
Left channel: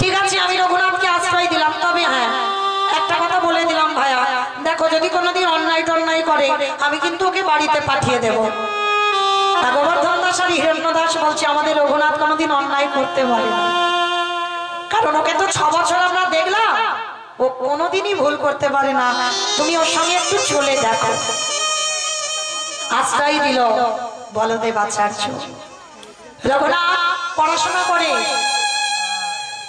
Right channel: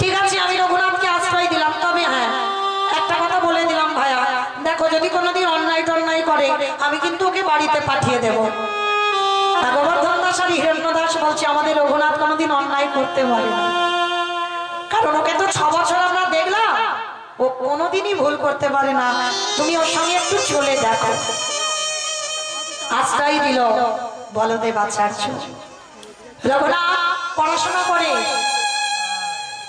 ঠিক আছে, আমি রঘুনাথকে আশ্রয় দিলাম, তবে হ্যাঁ একটা কথা বলে দিলাম ভাইয়া, দেখো যদি কোনোদিন অন্যায় টন্যায় করে, আমি কিন্তু ওকে বাড়িতে পাঠিয়ে দেব। গোবর্ধন দাস আর হিরণ্য দাস বলছে, আমাদের রঘুনাথ কোনোদিন অন্যায় করতে পারে না, কারণ ওকে তো 6 বছর আমরা দেখলাম, ও কোনোদিনই ভুল করতে পারে না, তুমি ওর সঙ্গে একটু চলে দেখো। আশ্রয় দিল বলদেবাচার্য। রঘুনাথ পড়াশোনা করে,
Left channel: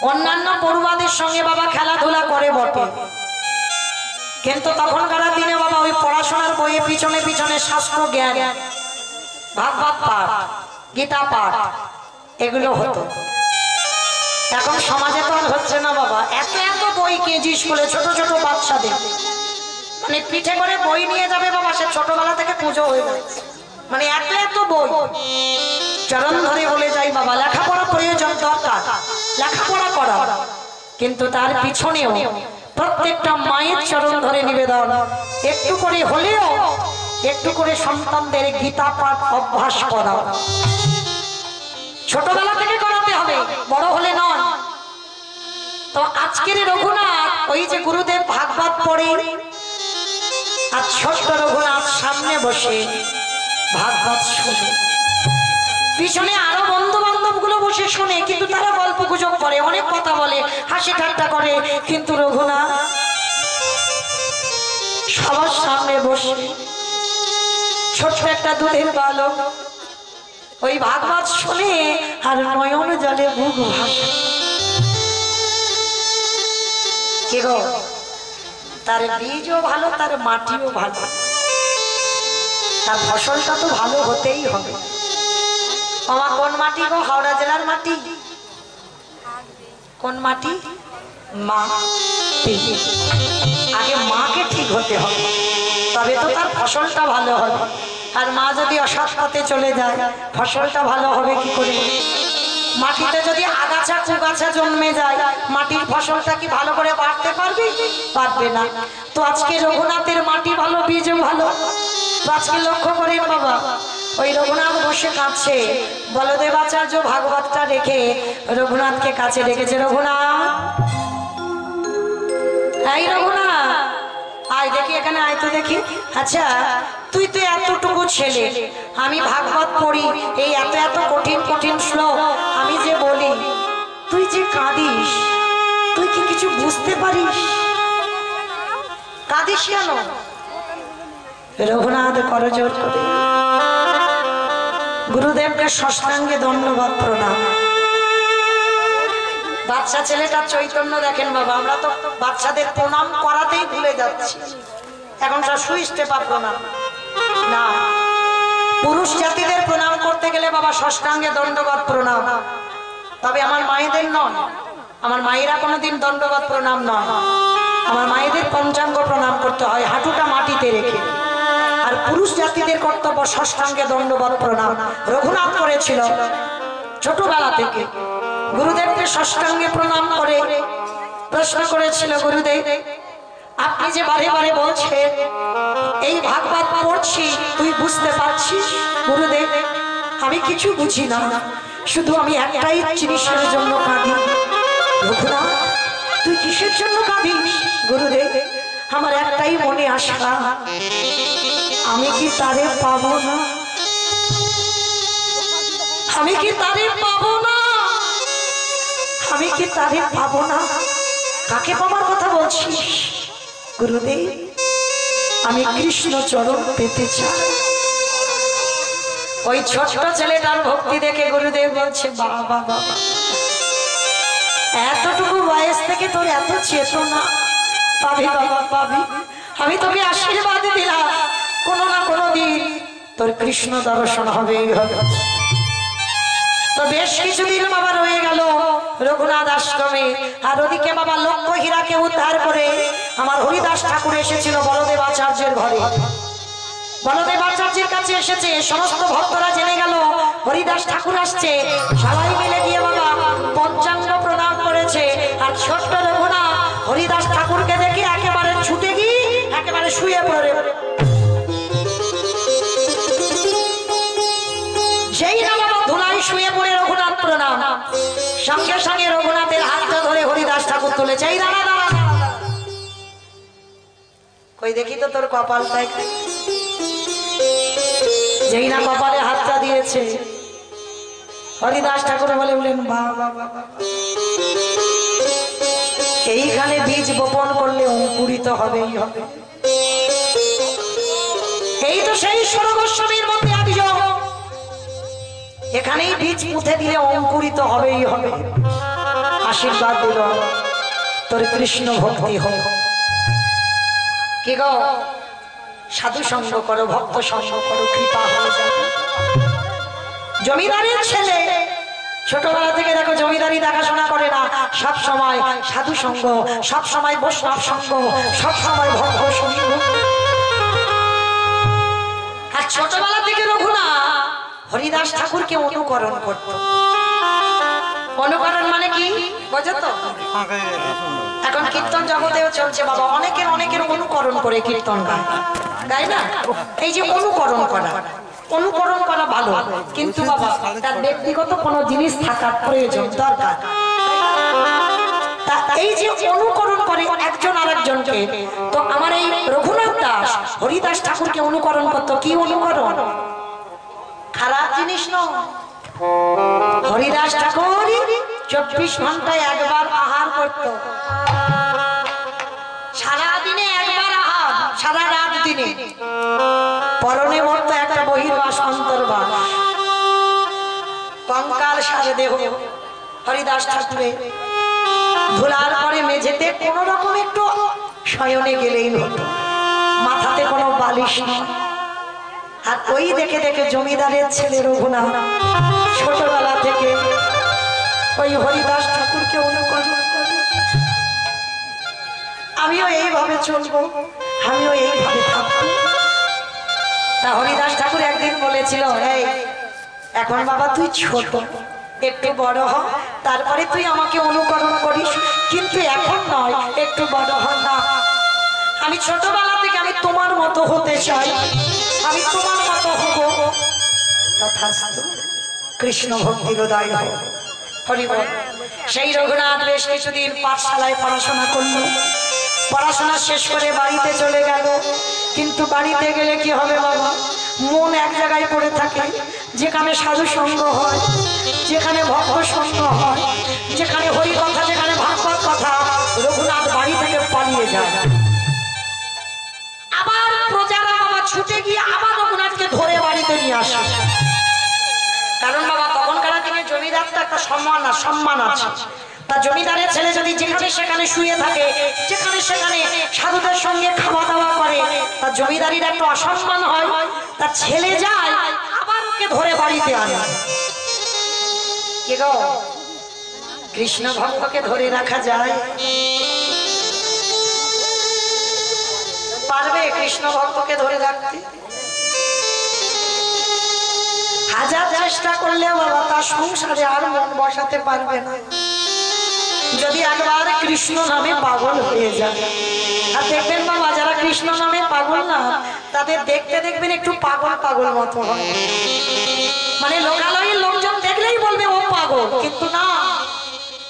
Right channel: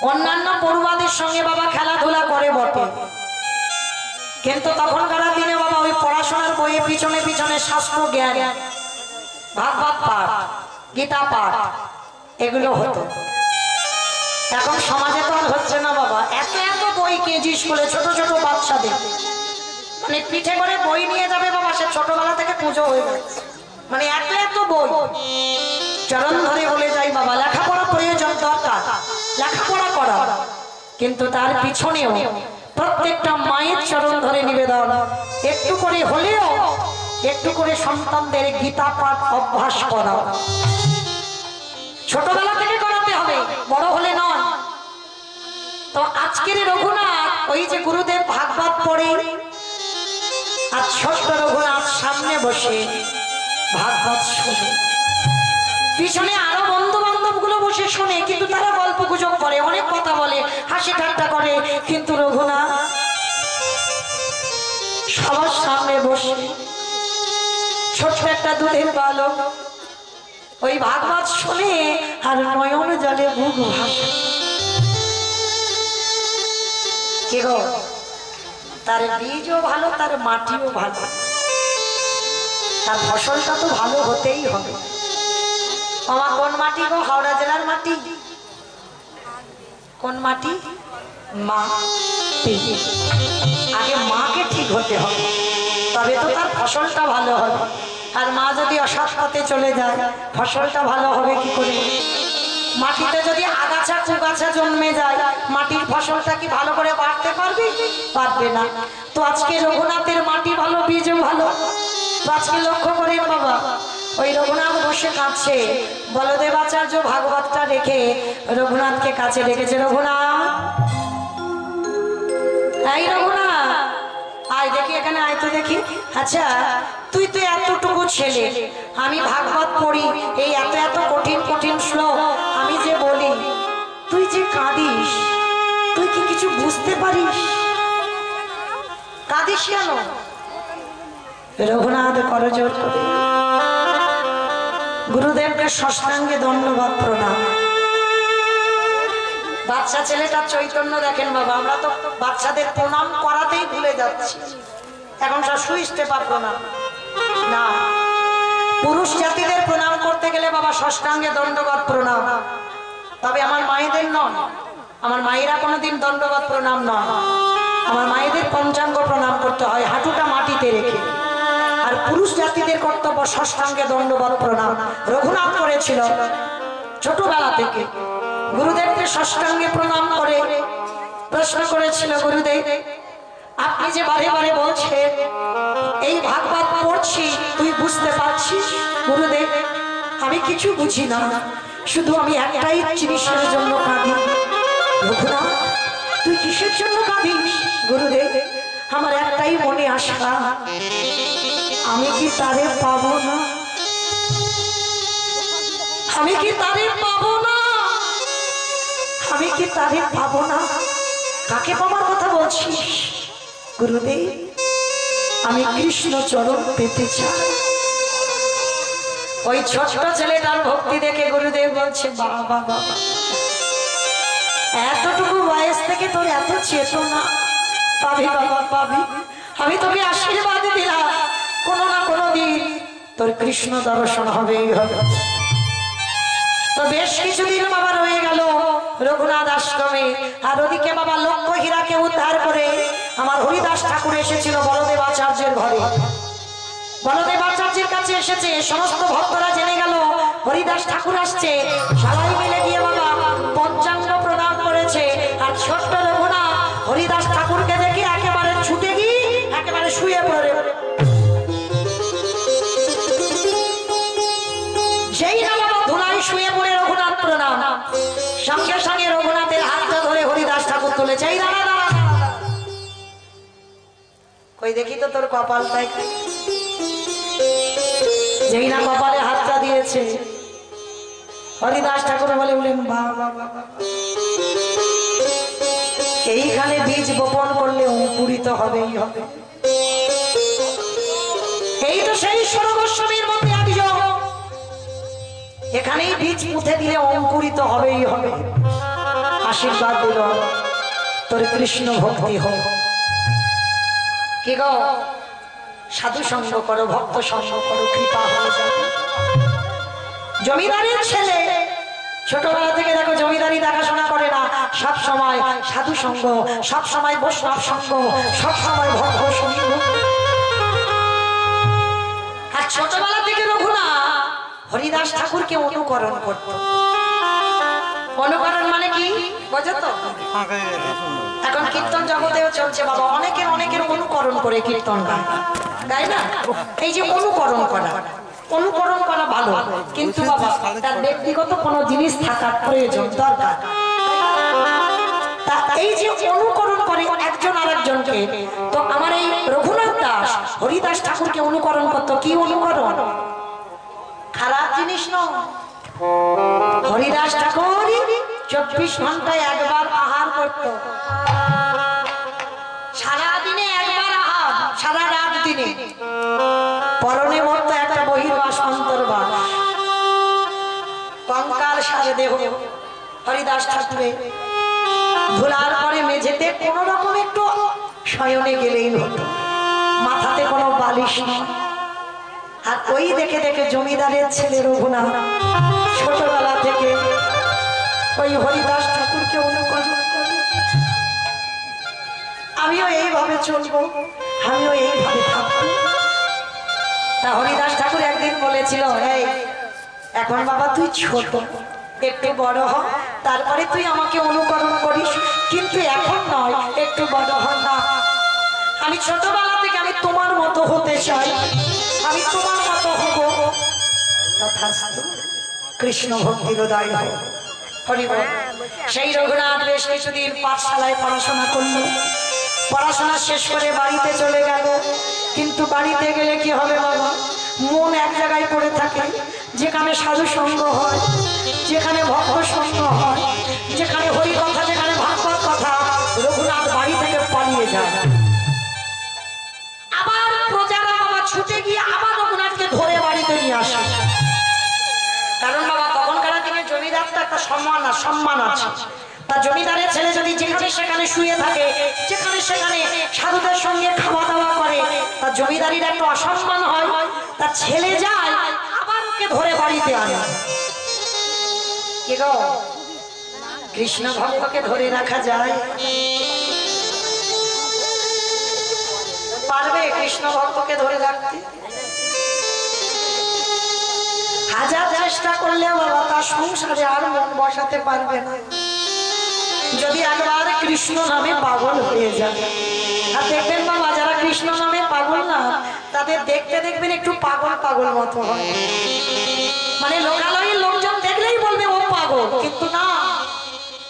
অন্যান্য পড়ুয়াদের সঙ্গে বাবা খেলাধুলা করে বটে, কিন্তু তখনকার দিনে বাবা ওই পড়াশোনার বইয়ে পিছনে পিছনে শাস্ত্র জ্ঞান, ভাগবত পাঠ, গীতা পাঠ এগুলো হতো। এখন সমাজে তো আর হচ্ছে না বাবা, এত এত বই কেজি স্কুলে ছোট ছোট বাচ্চাদের, মানে পিঠে করে বই নিয়ে যাবে বাবা, সে ছোটবেলা থেকে পুজো হয়ে যাচ্ছে, মানে এত এত বই। চরণ ধরে বলে যাই বাবা, লেখাপড়া প্রয়োজন দরকার, লেখাপড়া করা, কিন্তু তার পিছনেও প্রত্যেকটা মায়ের চরণ ধরে নিবেদন, একটু করে হলেও একটু করে সন্তানদের গীতা পাঠ অভ্যাস করা, ছোটবেলা থেকে করাতে হবে, বড় হলে নয়। তো আজকের রঘুনাথ ওই যে গুরুদেব ভাগবত পড়ে, আর ছোট্ট রঘুনাথ সামনে বসে ভাগবত শুনে, পিছনে আরো বন্ধু বান্ধব গুলো বসে শুনে, কিন্তু তারা গল্প গুজব করে, অনেক কথা বলে, হাসি ঠাট্টা করে, কিন্তু রঘুনাথ সবার সামনে বসে ছোট্ট একটা দুধের বালক ওই ভাগবত শুনে আর নয়ন জলে বুক ভাসে। কে গো, তার বীজও ভালো, তার মাটিও ভালো, তার ফসলটা তো ভালো হতেই হবে। আমার কোন মাটি গো? হাওড়া জেলার মাটি। কোন মাটি? মা। আগে মাকে ঠিক হতে হবে, তবে তো তার ফসলটা ভালো হবে। আর মা যদি অসৎ পথে চলে যায়, ফসলটা ভালো হবে কি করে? মাটিতে যদি আগাছা কুগাছা জন্মে যায় মাটির ফসলটা কি ভালো করে বাড়তে পারবে? পারবে না। তো আজকে রঘুনাথের মাটি ভালো, বীজ ভালো। তো আজকে লক্ষ্য করেন বাবা, ওই রঘুনাথ বসে কাঁদছে, বলদেবাচার্য ভাগবতটা রেখে রঘুনাথকে কাছে রেখেছে। রঘুনাথ, এই রঘুনাথ আয় দেখি, এখানে আয় তো দেখি। আচ্ছা তুই তো এতটুকু ছেলে, আমি ভাগবত পড়ি, এই এত এত কঠিন কঠিন শ্লোক আমি যে বলি, তুই যে কাঁদিস, তুই কি কিছু বুঝতে পারিস? কাঁদিস কেন? রঘুনাথ করজোড় করে গুরুদেবকে ষষ্ঠাঙ্গে দণ্ডবত প্রণাম। বাচ্চা ছেলেটার চৈতন্য দেখেন বাবা, আমরা তো বাচ্চাদের প্রণাম করাতেই ভুলে যাচ্ছি। এখন সব সুইস্টে পা প্রণাম না, পুরুষ জাতিদের প্রণাম করতে গেলে বাবা ষষ্ঠাঙ্গে দণ্ডবত প্রণাম। তবে আমার মায়েদের নয়, আমার মায়েরা কোনোদিন দণ্ডবত প্রণাম নয়, আমার মায়েদের পঞ্চাঙ্গ প্রণাম করতে হয় হাঁটুটা মাটিতে রেখে। আর পুরুষ জাতিদের কর্তব্য ষষ্ঠাঙ্গে দণ্ডবত প্রণাম। রঘুনাথ করেছিল ছোটবেলা থেকে, গুরুদেবকে ষষ্ঠাঙ্গে প্রণাম করে প্রশ্ন করেছিল, গুরুদেব আপনি যে বারে বারে বলছেন এই ভাগবত পড়ছি, তুই বুঝতে পারছিস? গুরুদেব আমি কিছু বুঝি না, শুধু আমি একটাই জিনিসের জন্য কাঁদি। রঘুনাথ তুই কিসের জন্য কাঁদিস? গুরুদেব আমার একটাই মনে আশা, আমি কি তারে পাবো না? আমি কি তারে পাবো না? আমি কি তারে পাবো না? কাকে পাবার কথা বলছিস? গুরুদেব আমি কৃষ্ণ চরণ পেতে চাই। ওই ছোট্ট ছেলেটার ভক্তি দেখে গুরুদেব বলছে, বাবা বাবা এতটুকু বয়স থেকে তোর এত চেতনা, পাবি বাবা পাবি। আমি তোকে আশীর্বাদ দিলাম, কোনো না কোনো দিন তোর কৃষ্ণ দর্শন হবেই হবে। তো বেশ কিছুদিন বাবা রয়ে গেল রঘুনাথ আশ্রমে। আর ওদিকে বাবা লক্ষ্য হীরাকে উদ্ধার করে আমার হরিদাস ঠাকুর এসেছিল বলদেবাচার্যের ঘরে। বলদেবাচার্যের কাছে এসেছে, সমস্ত ভক্তরা জেনে গেল হরিদাস ঠাকুর আসছে। সবাই মিলে গিয়ে বাবা পঞ্চাঙ্গ প্রণাম করেছে। আর ছোট্ট রঘুনাথ হরিদাস ঠাকুরকে দেখে একেবারে ছুটে গিয়ে একেবারে শুয়ে পড়ে। যেই না বাবা ধুলাই শুয়ে পড়ে রঘুনাথ প্রণাম, সঙ্গে সঙ্গে রঘুনাথের হাতটা ধরে হরিদাস ঠাকুর তুলেছে। এই দাঁড়া দাঁড়া, কই দেখি তো তোর কপালটাই। যেই না কপালে হাতটা দিয়েছে, হরিদাস ঠাকুর বলে বলেন, বাবা বাবা এইখানে বীজ বপন করলে অঙ্কুরিত হবেই হবে। এই তো সেই স্বর্গস্বামীর মধ্যে একজন, এখানেই বীজ পুঁতে দিলে অঙ্কুরিত হবেই হবে। আশীর্বাদ দিল তোর কৃষ্ণ ভক্তি হোক। কি গো, সাধু সঙ্গ করো, ভক্ত সঙ্গ করো, কৃপা হয়ে যাবে। জমিদারের ছেলে ছোটবেলা থেকে দেখো জমিদারি দেখাশোনা করে না, সব সময় সাধু সঙ্গ, সব সময় বৈষ্ণব সঙ্গ, সব সময় ভক্ত সঙ্গ। আর ছোটবেলা থেকে রঘুনাথ হরিদাস ঠাকুরকে অনুকরণ করত। অনুকরণ মানে কি বোঝো তো? এখন কীর্তন জগতেও চলছে বাবা, অনেকের অনেকের অনুকরণ করে কীর্তন গায়, গায় না? এই যে অনুকরণ করা, অনুকরণ করা ভালো, কিন্তু বাবা তার ব্যক্তিগত কোনো জিনিস থাকার প্রয়োজন দরকার। এই যে অনুকরণ করে একজন আরেকজনকে, তো আমার এই রঘুনাথ দাস হরিদাস ঠাকুরকে অনুকরণ করতো। কি অনুকরণ? খারাপ জিনিস নয়। হরিদাস ঠাকুর 24 ঘন্টায় একবার আহার করত, সারাদিনে একবার আহার, সারা রাত দিনে। পরনে মত একটা বহির্বাস অন্তর্বাস, কঙ্কাল সারে দেহ হরিদাস ঠাকুরের। ধুলার পরে মেঝেতে কোন রকম একটু শয়নে গেলেই হতো, মাথাতে কোনো বালিশ নেই। আর ওই দেখে দেখে জমিদারের ছেলে রঘুনাথ ছোটবেলা থেকে ওই হরিদাস ঠাকুরকে অনুকরণ করে। আমিও এইভাবে চলবো, আমিও এইভাবে থাকবো। তা হরিদাস ঠাকুর একদিন বলেছিল, এই এখন বাবা তুই ছোট, একটু বড় হ, তারপরে তুই আমাকে অনুকরণ করিস, কিন্তু এখন নয়, একটু বড় হ। না, আমি ছোটবেলা থেকে আমি তোমার মতো হতে চাই, আমি তোমার মতো হব। তথাস্তু, কৃষ্ণ ভক্তির উদয় হয়। হরিবল। সেই রঘুনাথ বেশ কিছুদিন পাঠশালায় পড়াশোনা করলো, পড়াশোনা শেষ করে বাড়িতে চলে গেল। কিন্তু বাড়িতে গেলে কি হবে বাবা, মন এক জায়গায় পড়ে থাকে, যেখানে সাধু সঙ্গ হয়, যেখানে ভক্ত সঙ্গ হয়, যেখানে হরি কথা, যেখানে ভাগবত কথা। রঘুনাথ বাড়ি থেকে পালিয়ে যায়। আবার প্রজারা বাবা ছুটে গিয়ে আবার রঘুনাথকে ধরে বাড়িতে নিয়ে আসে। কারণ বাবা তখনকার দিনে জমিদার তো একটা সম্মান আছে। তা জমিদারের ছেলে যদি যেখানে সেখানে শুয়ে থাকে, যেখানে সেখানে সাধুদের সঙ্গে খাওয়া দাওয়া করে, তা জমিদারির একটা অসম্মান হয়। তার ছেলে যায়, আবার ওকে ধরে বাড়িতে আনে। কি গো, কৃষ্ণ ভক্তকে ধরে রাখা যায়? পারবে কৃষ্ণ ভক্তকে ধরে রাখতে? হাজার চেষ্টা করলেও বাবা তার সংসারে আর মন বসাতে পারবে না, যদি একবার কৃষ্ণ নামে পাগল হয়ে যায়। আর দেখবেন বাবা, যারা কৃষ্ণ নামে পাগল না, তাদের দেখতে দেখবেন একটু পাগল পাগল মতো হয়। মানে লোকালয়ের লোকজন দেখলেই বলবে ও পাগল, কিন্তু না,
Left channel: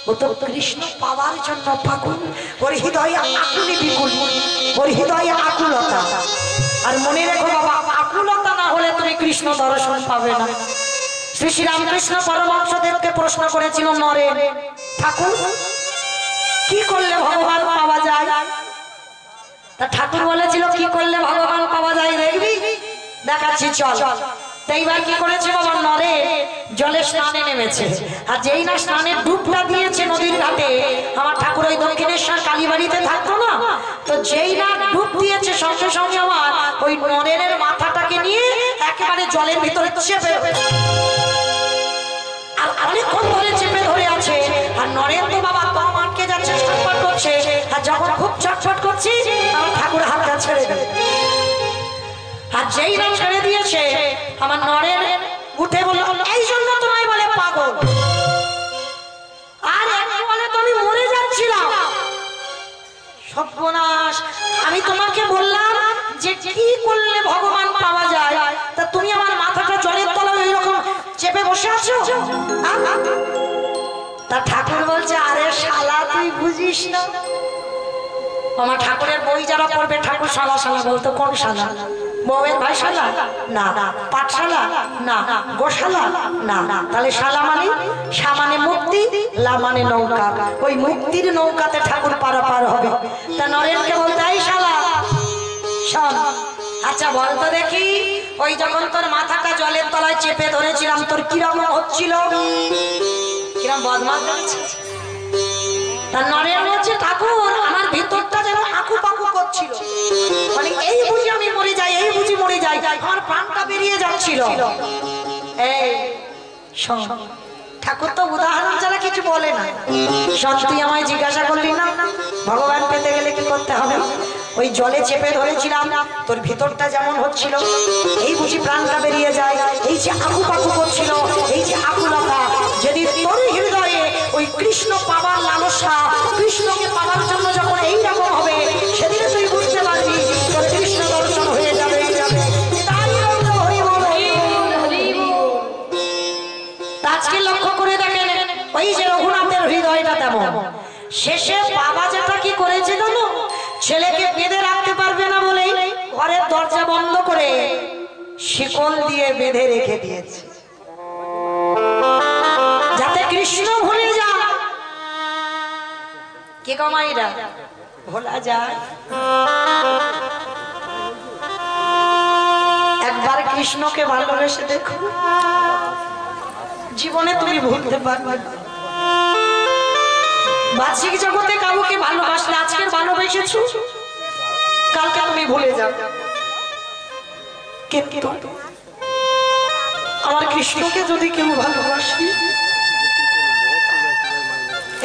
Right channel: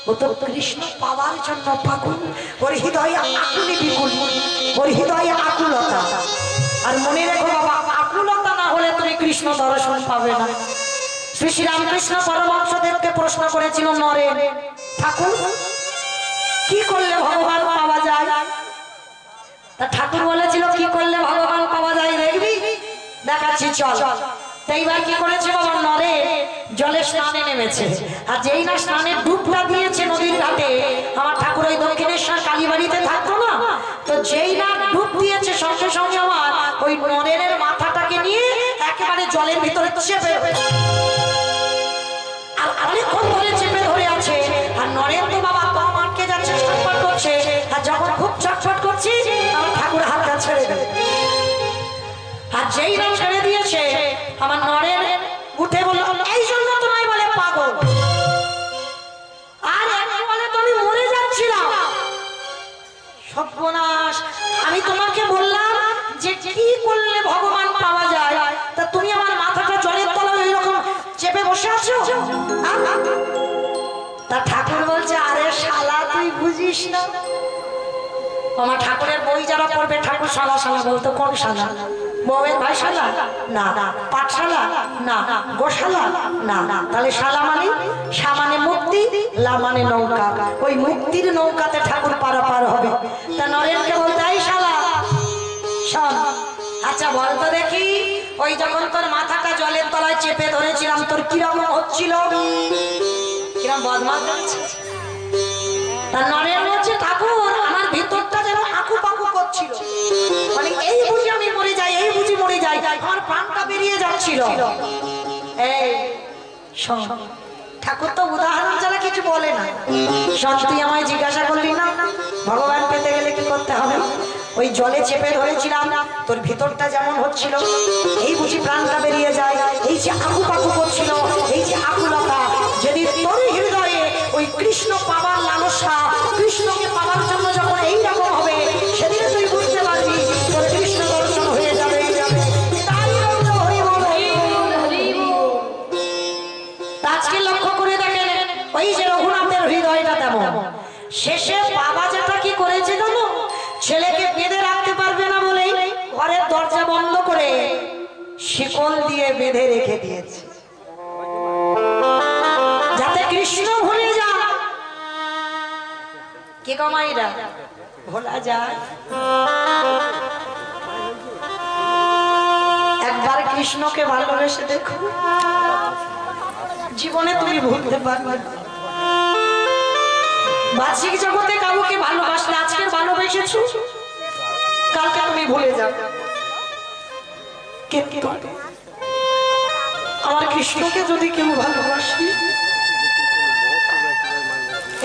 ও তো কৃষ্ণ পাওয়ার জন্য পাগল। ওর হৃদয়ে আকুলি বিকুল, ওর হৃদয়ে আকুলতা। আর মনে রেখো বাবা, আকুলতা না হলে তুমি কৃষ্ণ দর্শন পাবে না। শ্রী শ্রী রামকৃষ্ণ পরমহংসদেবকে প্রশ্ন করেছিল নরেন, ঠাকুর কি করলে ভগবান পাওয়া যায়? তা ঠাকুর বলেছিল, কি করলে ভগবান পাওয়া যায় দেখবি? দেখাচ্ছি, চল। এইবার কি করেছে বাবা, নরেন জলে স্নানে নেমেছে। আর যেই না স্নানের ডুবটা দিয়েছে নদীর ঘাটে, আমার ঠাকুর ওই দক্ষিণেশ্বর কালীবাড়িতে থাকতো না, তো যেই না ডুব দিয়েছে, সঙ্গে সঙ্গে আমার ওই নরেনের মাথাটাকে নিয়ে একেবারে জলের ভিতরে চেপে, আর অনেকক্ষণ ধরে চেপে ধরে আছে। আর নরেন তো বাবা দম আটকে যাচ্ছে, ছটফট করছে। আর যখন খুব ছটফট করছি, আমার ঠাকুর হাতটা ছেড়ে দেবে। আর যেই না ছেড়ে দিয়েছে, আমার নরেন উঠে বলল, এই জন্য তোমায় বলে পাগল। আর একটু বলে তো আমি মরে যাচ্ছিলাম। সর্বনাশ, আমি তোমাকে বললাম যে কি করলে ভগবান পাওয়া যায়, তা তুমি আমার মাথাটা জলের তলায় ওইরকম চেপে বসে আছো। তা ঠাকুর বলছে, আরে শালা তুই বুঝিস না। আমার ঠাকুরের বই যারা পড়বে, ঠাকুর শালা শালা বলতো। কোন শালা? বউয়ের ভাই শালা না, পাঠশালা না, গোশালা না। তাহলে শালা মানে, শা মানে মুক্তি, লা মানে নৌকা। ওই মুক্তির নৌকাতে ঠাকুর পারাপার হবে। তা নরেনকে বলতে, এই শালা শোন, আচ্ছা বলতো দেখি, ওই যখন তোর মাথাটা জলের তলায় চেপে ধরেছিলাম, তোর কিরকম হচ্ছিল? কিরকম বদমাশ হচ্ছে? তার নরেন বলছে, ঠাকুর আমার ভিতরটা যেন আকু পাকু করছিল, মানে এই বুঝি আমি মরে যাই, এই বুঝি মরে যাই, আমার প্রাণটা বেরিয়ে যাচ্ছিল। এই শোন, ঠাকুর তো উদাহরণ ছাড়া কিছু বলে না। শোন, তুই আমায় জিজ্ঞাসা করলি না ভগবান পেতে গেলে কি করতে হবে? ওই জলে চেপে ধরেছিলাম, তোর ভিতরটা যেমন হচ্ছিল, এই বুঝি প্রাণটা বেরিয়ে যায়, এই যে আকু পাকু করছিল, এই যে আকুলতা, যদি তোর হৃদয়ে ওই কৃষ্ণ পাবার লালসা, কৃষ্ণকে পাবার জন্য যখন এইরকম হবে, সেদিনে তুই বুঝতে পারবি তোর কৃষ্ণ দর্শন হয়ে যাবে। আজকে লক্ষ্য করে দেখেন, ওই যে রঘুনাথের হৃদয়টা তেমন। শেষে বাবা যেটা কি করেছে জানো, ছেলেকে বেঁধে রাখতে পারবে না বলেই ঘরের দরজা বন্ধ করে শিকল দিয়ে বেঁধে রেখে দিয়েছে, যাতে কৃষ্ণ ভুলে যায়। কে কমাইরা ভোলা যায়? একবার কৃষ্ণকে ভালোবেসে দেখো, জীবনে তুমি ভুলতে পারবে না। বাহ্যিক জগতে কাউকে ভালোবাসলে, আজকের ভালোবেসেছো, কালকে তুমি ভুলে যাও। কিন্তু আমার কৃষ্ণকে যদি কেউ ভালোবাসি,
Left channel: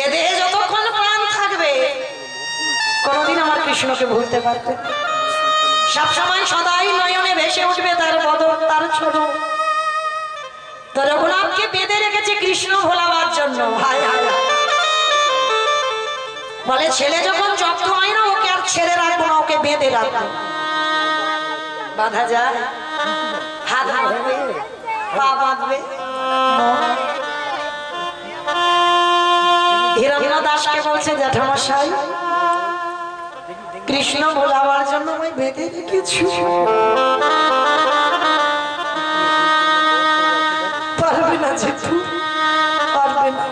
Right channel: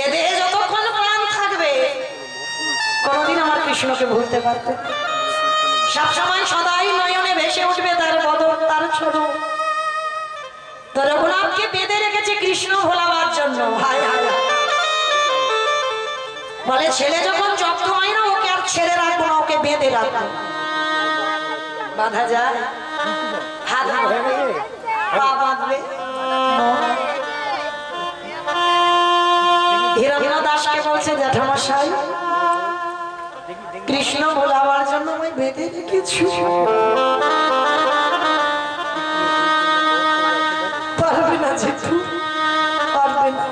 এ দেহে যতক্ষণ প্রাণ থাকবে, কোনদিন আমার কৃষ্ণকে ভুলতে পারবে। সবসময় সদাই নয়নে ভেসে উঠবে তার বদন, তার ছোট। তো রঘুনাথকে বেঁধে রেখেছে কৃষ্ণ ভোলাবার জন্য। হায় হায়, বলে ছেলে যখন জব্দ হয় না ওকে আর ছেড়ে রাখবো না, ওকে বেঁধে রাখবো। বাঁধা যায়? হাত বাঁধবে, পা বাঁধবে। হিরণ্য দাসকে বলছে জ্যাঠামশাই কৃষ্ণ ভোলাবার জন্য আমি বেঁধে রেখেছি, পারবে না জেঠু, পারবে না।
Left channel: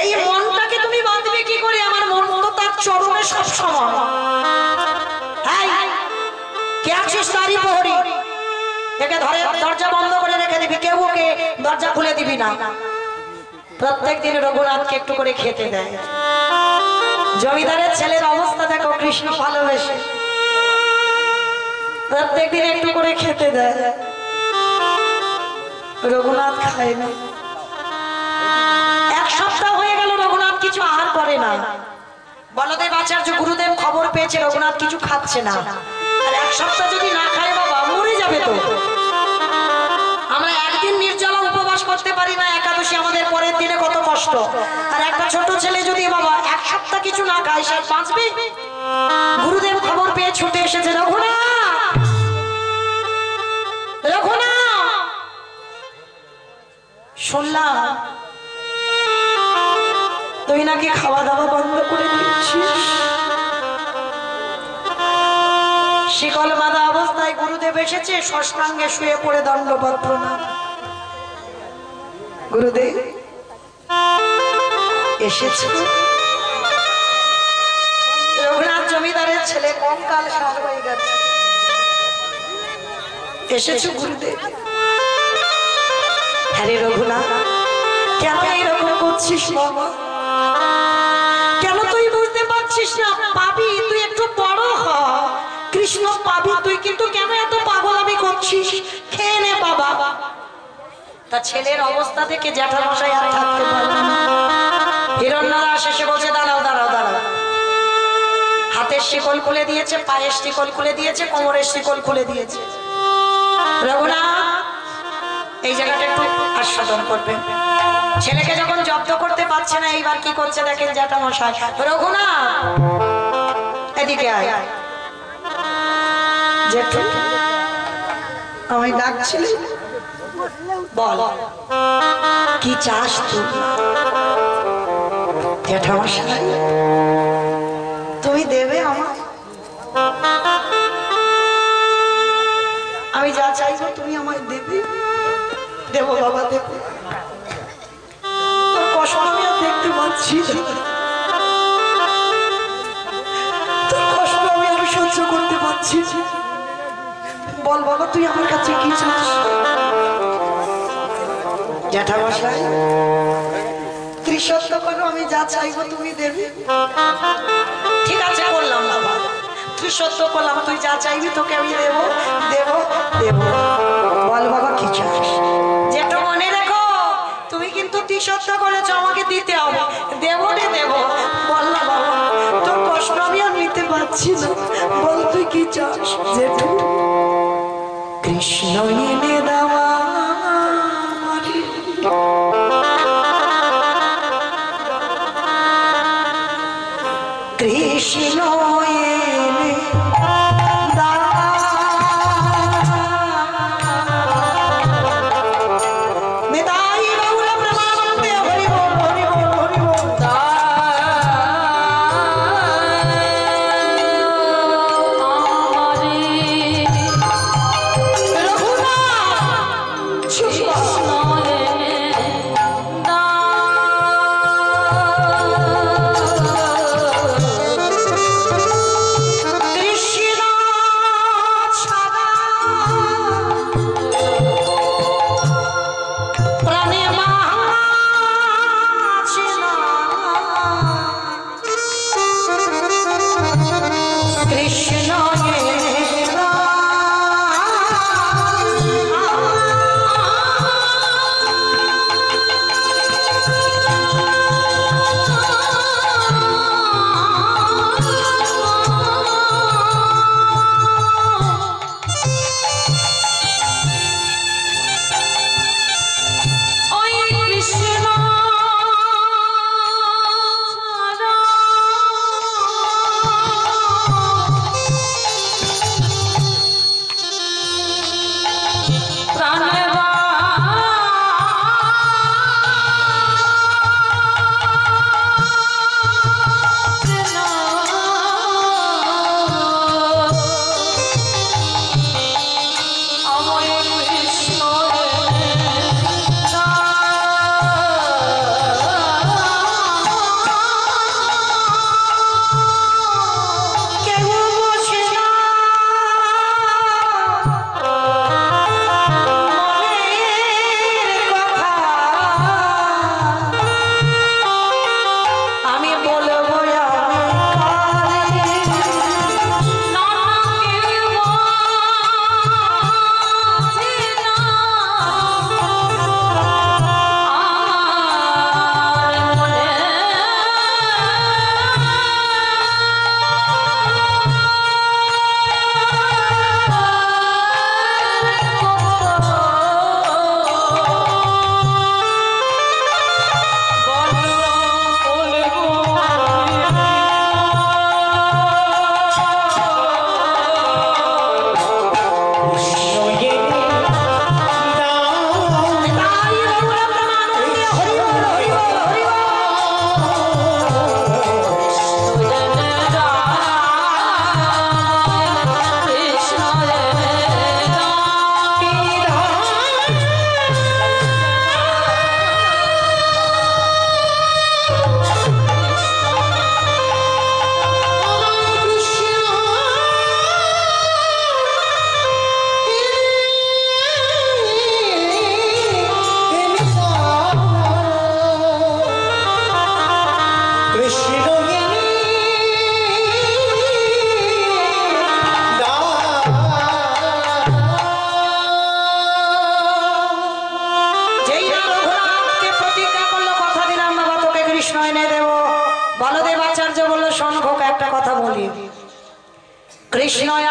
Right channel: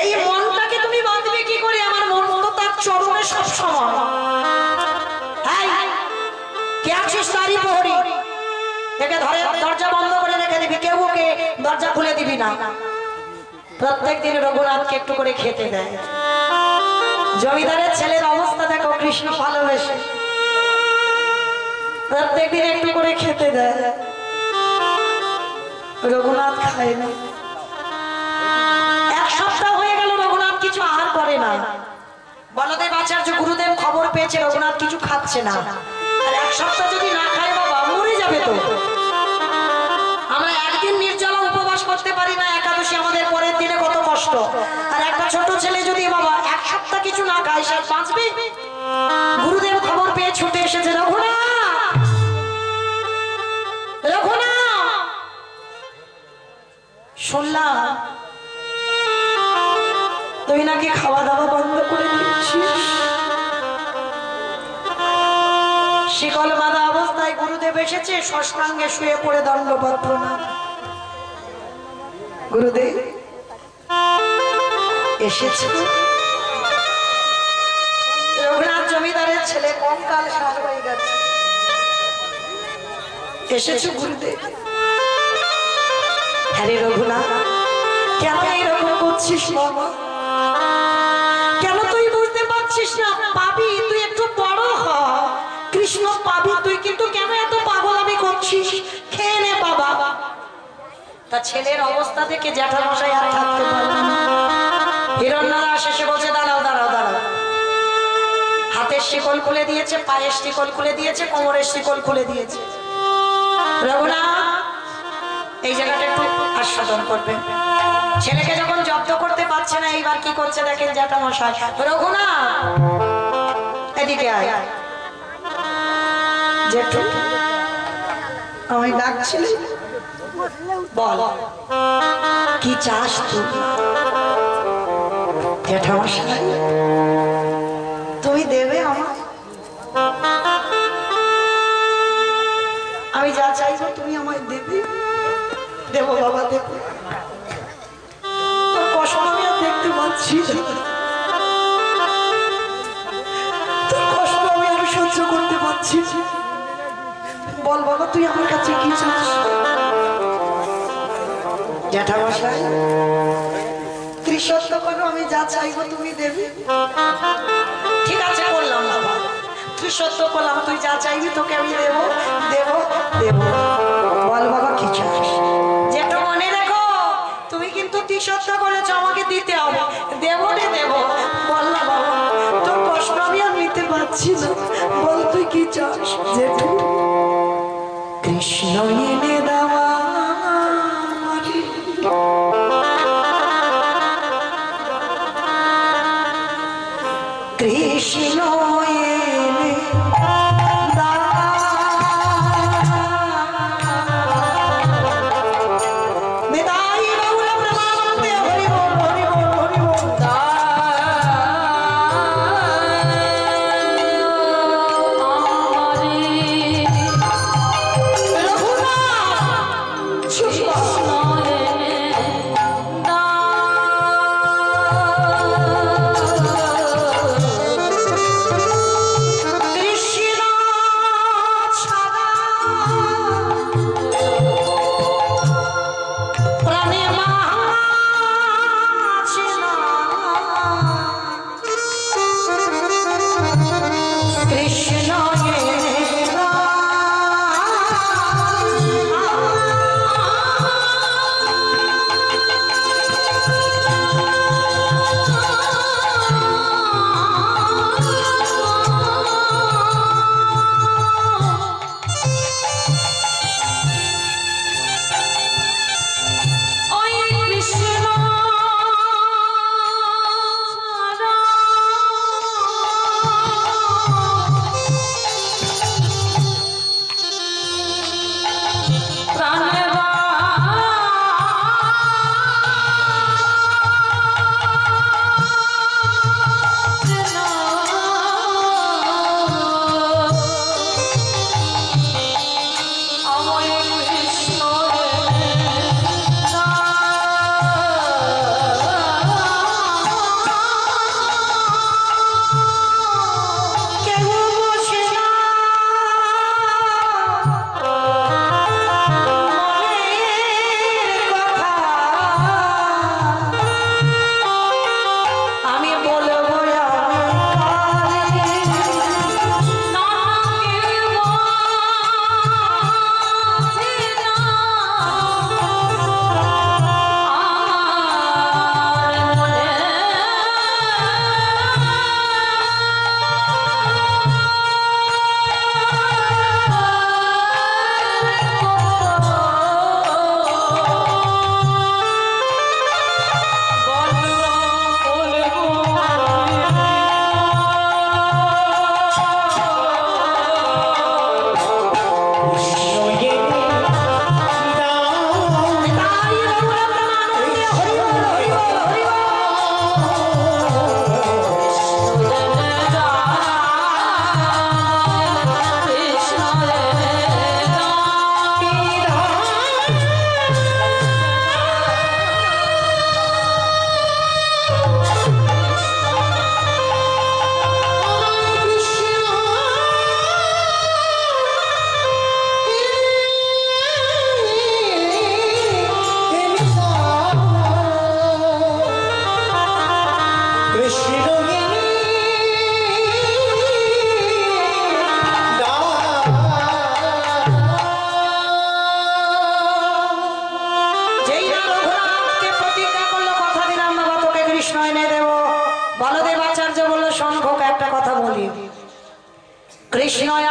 এই মনটাকে তুমি বাঁধবে কি করে? আমার মন তো তার চরণে সব সময়। কে আছিস তারই প্রহরী, একে ধরে দরজা বন্ধ করে রেখে দিবি, কেউ ওকে দরজা খুলে দিবি না। প্রত্যেক দিন রঘুনাথকে একটু করে খেতে দেয়। জমিদারের ছেলের অবস্থা দেখো, কৃষ্ণ ভালোবেসে প্রত্যেক দিন একটু করে খেতে দেয়, রঘুনাথ খায় না। এক সপ্তাহ হয়ে গেল রঘুনাথ কিছু আহার করে না। বলদেব আচার্য গুরুদেব খবর পেয়েছে রঘুনাথ কিছু খাচ্ছে না। আর এক সপ্তাহ যদি না খায় বাবা মরে যাবে তো। আমরা একদিন নির্জলা উপবাস করতে পারি না, একাদশী আমাদের পরের দিনে কত কষ্ট। আর একটা ছোট ছেলে যদি বাবা এক সপ্তাহ কিছু না খায় সে বাঁচবে? গুরুদেব খবর পেয়ে ছুটে এসেছে, রঘুনাথ, রঘুনাথ শুনলাম তুই নাকি খাওয়া দাওয়া বন্ধ করে দিচ্ছিস। শিকল বাঁধা অবস্থায় গুরুদেব এসেছে, ষষ্ঠাঙ্গে শুয়ে পড়ে দণ্ডবত প্রণাম। গুরুদেব এসেছে। রঘুনাথ জমিদারের ছেলে কঙ্কাল সার হয়ে গেছে, এসেছে গুরুদেব। হ্যাঁ রে রঘুনাথ, কেন এইরকম করছিস বাবা? কেন তুই বুঝতে পারছিস না? পাবি, তুই একটু বড় হ, কৃষ্ণ পাবি তুই, কিন্তু কেন এত পাগলামি করছিস? খেয়ে নে বাবা। তা ছেলের অবস্থা থেকে জ্যাঠামশাই আর থাকতে পারলেন না। হিরণ্য দাস এসে বলছে দাঁড়াও দাঁড়াও দাঁড়াও। হাতের শিকল খুলে দিয়েছে, পায়ের শিকল খুলে দিয়েছে, কোমরের শিকল খুলে দিয়েছে। রঘুনাথ এই জায়গাটা একটু আস্বাদন করবেন। ছেলেকে যখন জব্দ করতে পারছে না, এইবার কি করছে দেখেন জ্যাঠামশাই। রঘুনাথ এদিকে আয়। জেঠু আমি ডাকছিলি, বল কি চাস তুই? জ্যাঠামশাই তুমি দেবে আমায়, আমি যা চাইবো তুমি আমায় দেবে। দেবো বাবা দেবো, তোর কষ্ট আমি আর দেখতে পাচ্ছি, তোর কষ্ট আমি আর সহ্য করতে পারছি। বল বাবা তুই আমার কাছে কি চাস? জ্যাঠামশাই ত্রিশত্ব করো, আমি যা চাইবো তুমি দেবে। ঠিক আছে করলাম বাবা, ত্রিশত্ব করলাম, তুই যা চাইবি তোকে আমি দেবো দেবো দেবো। বল বাবা কি চাস? যেটা মনে রেখো তুমি কিন্তু ত্রিশত্ব করেছো, আমাকে দিতে হবে। দেবো রে দেবো। বল না বাবা, তোর কষ্ট আমি আর নিতে পারছি না, বল তুই কি চাস? জেঠু কৃষ্ণ এনে দেওয়া কৃষ্ণ এনে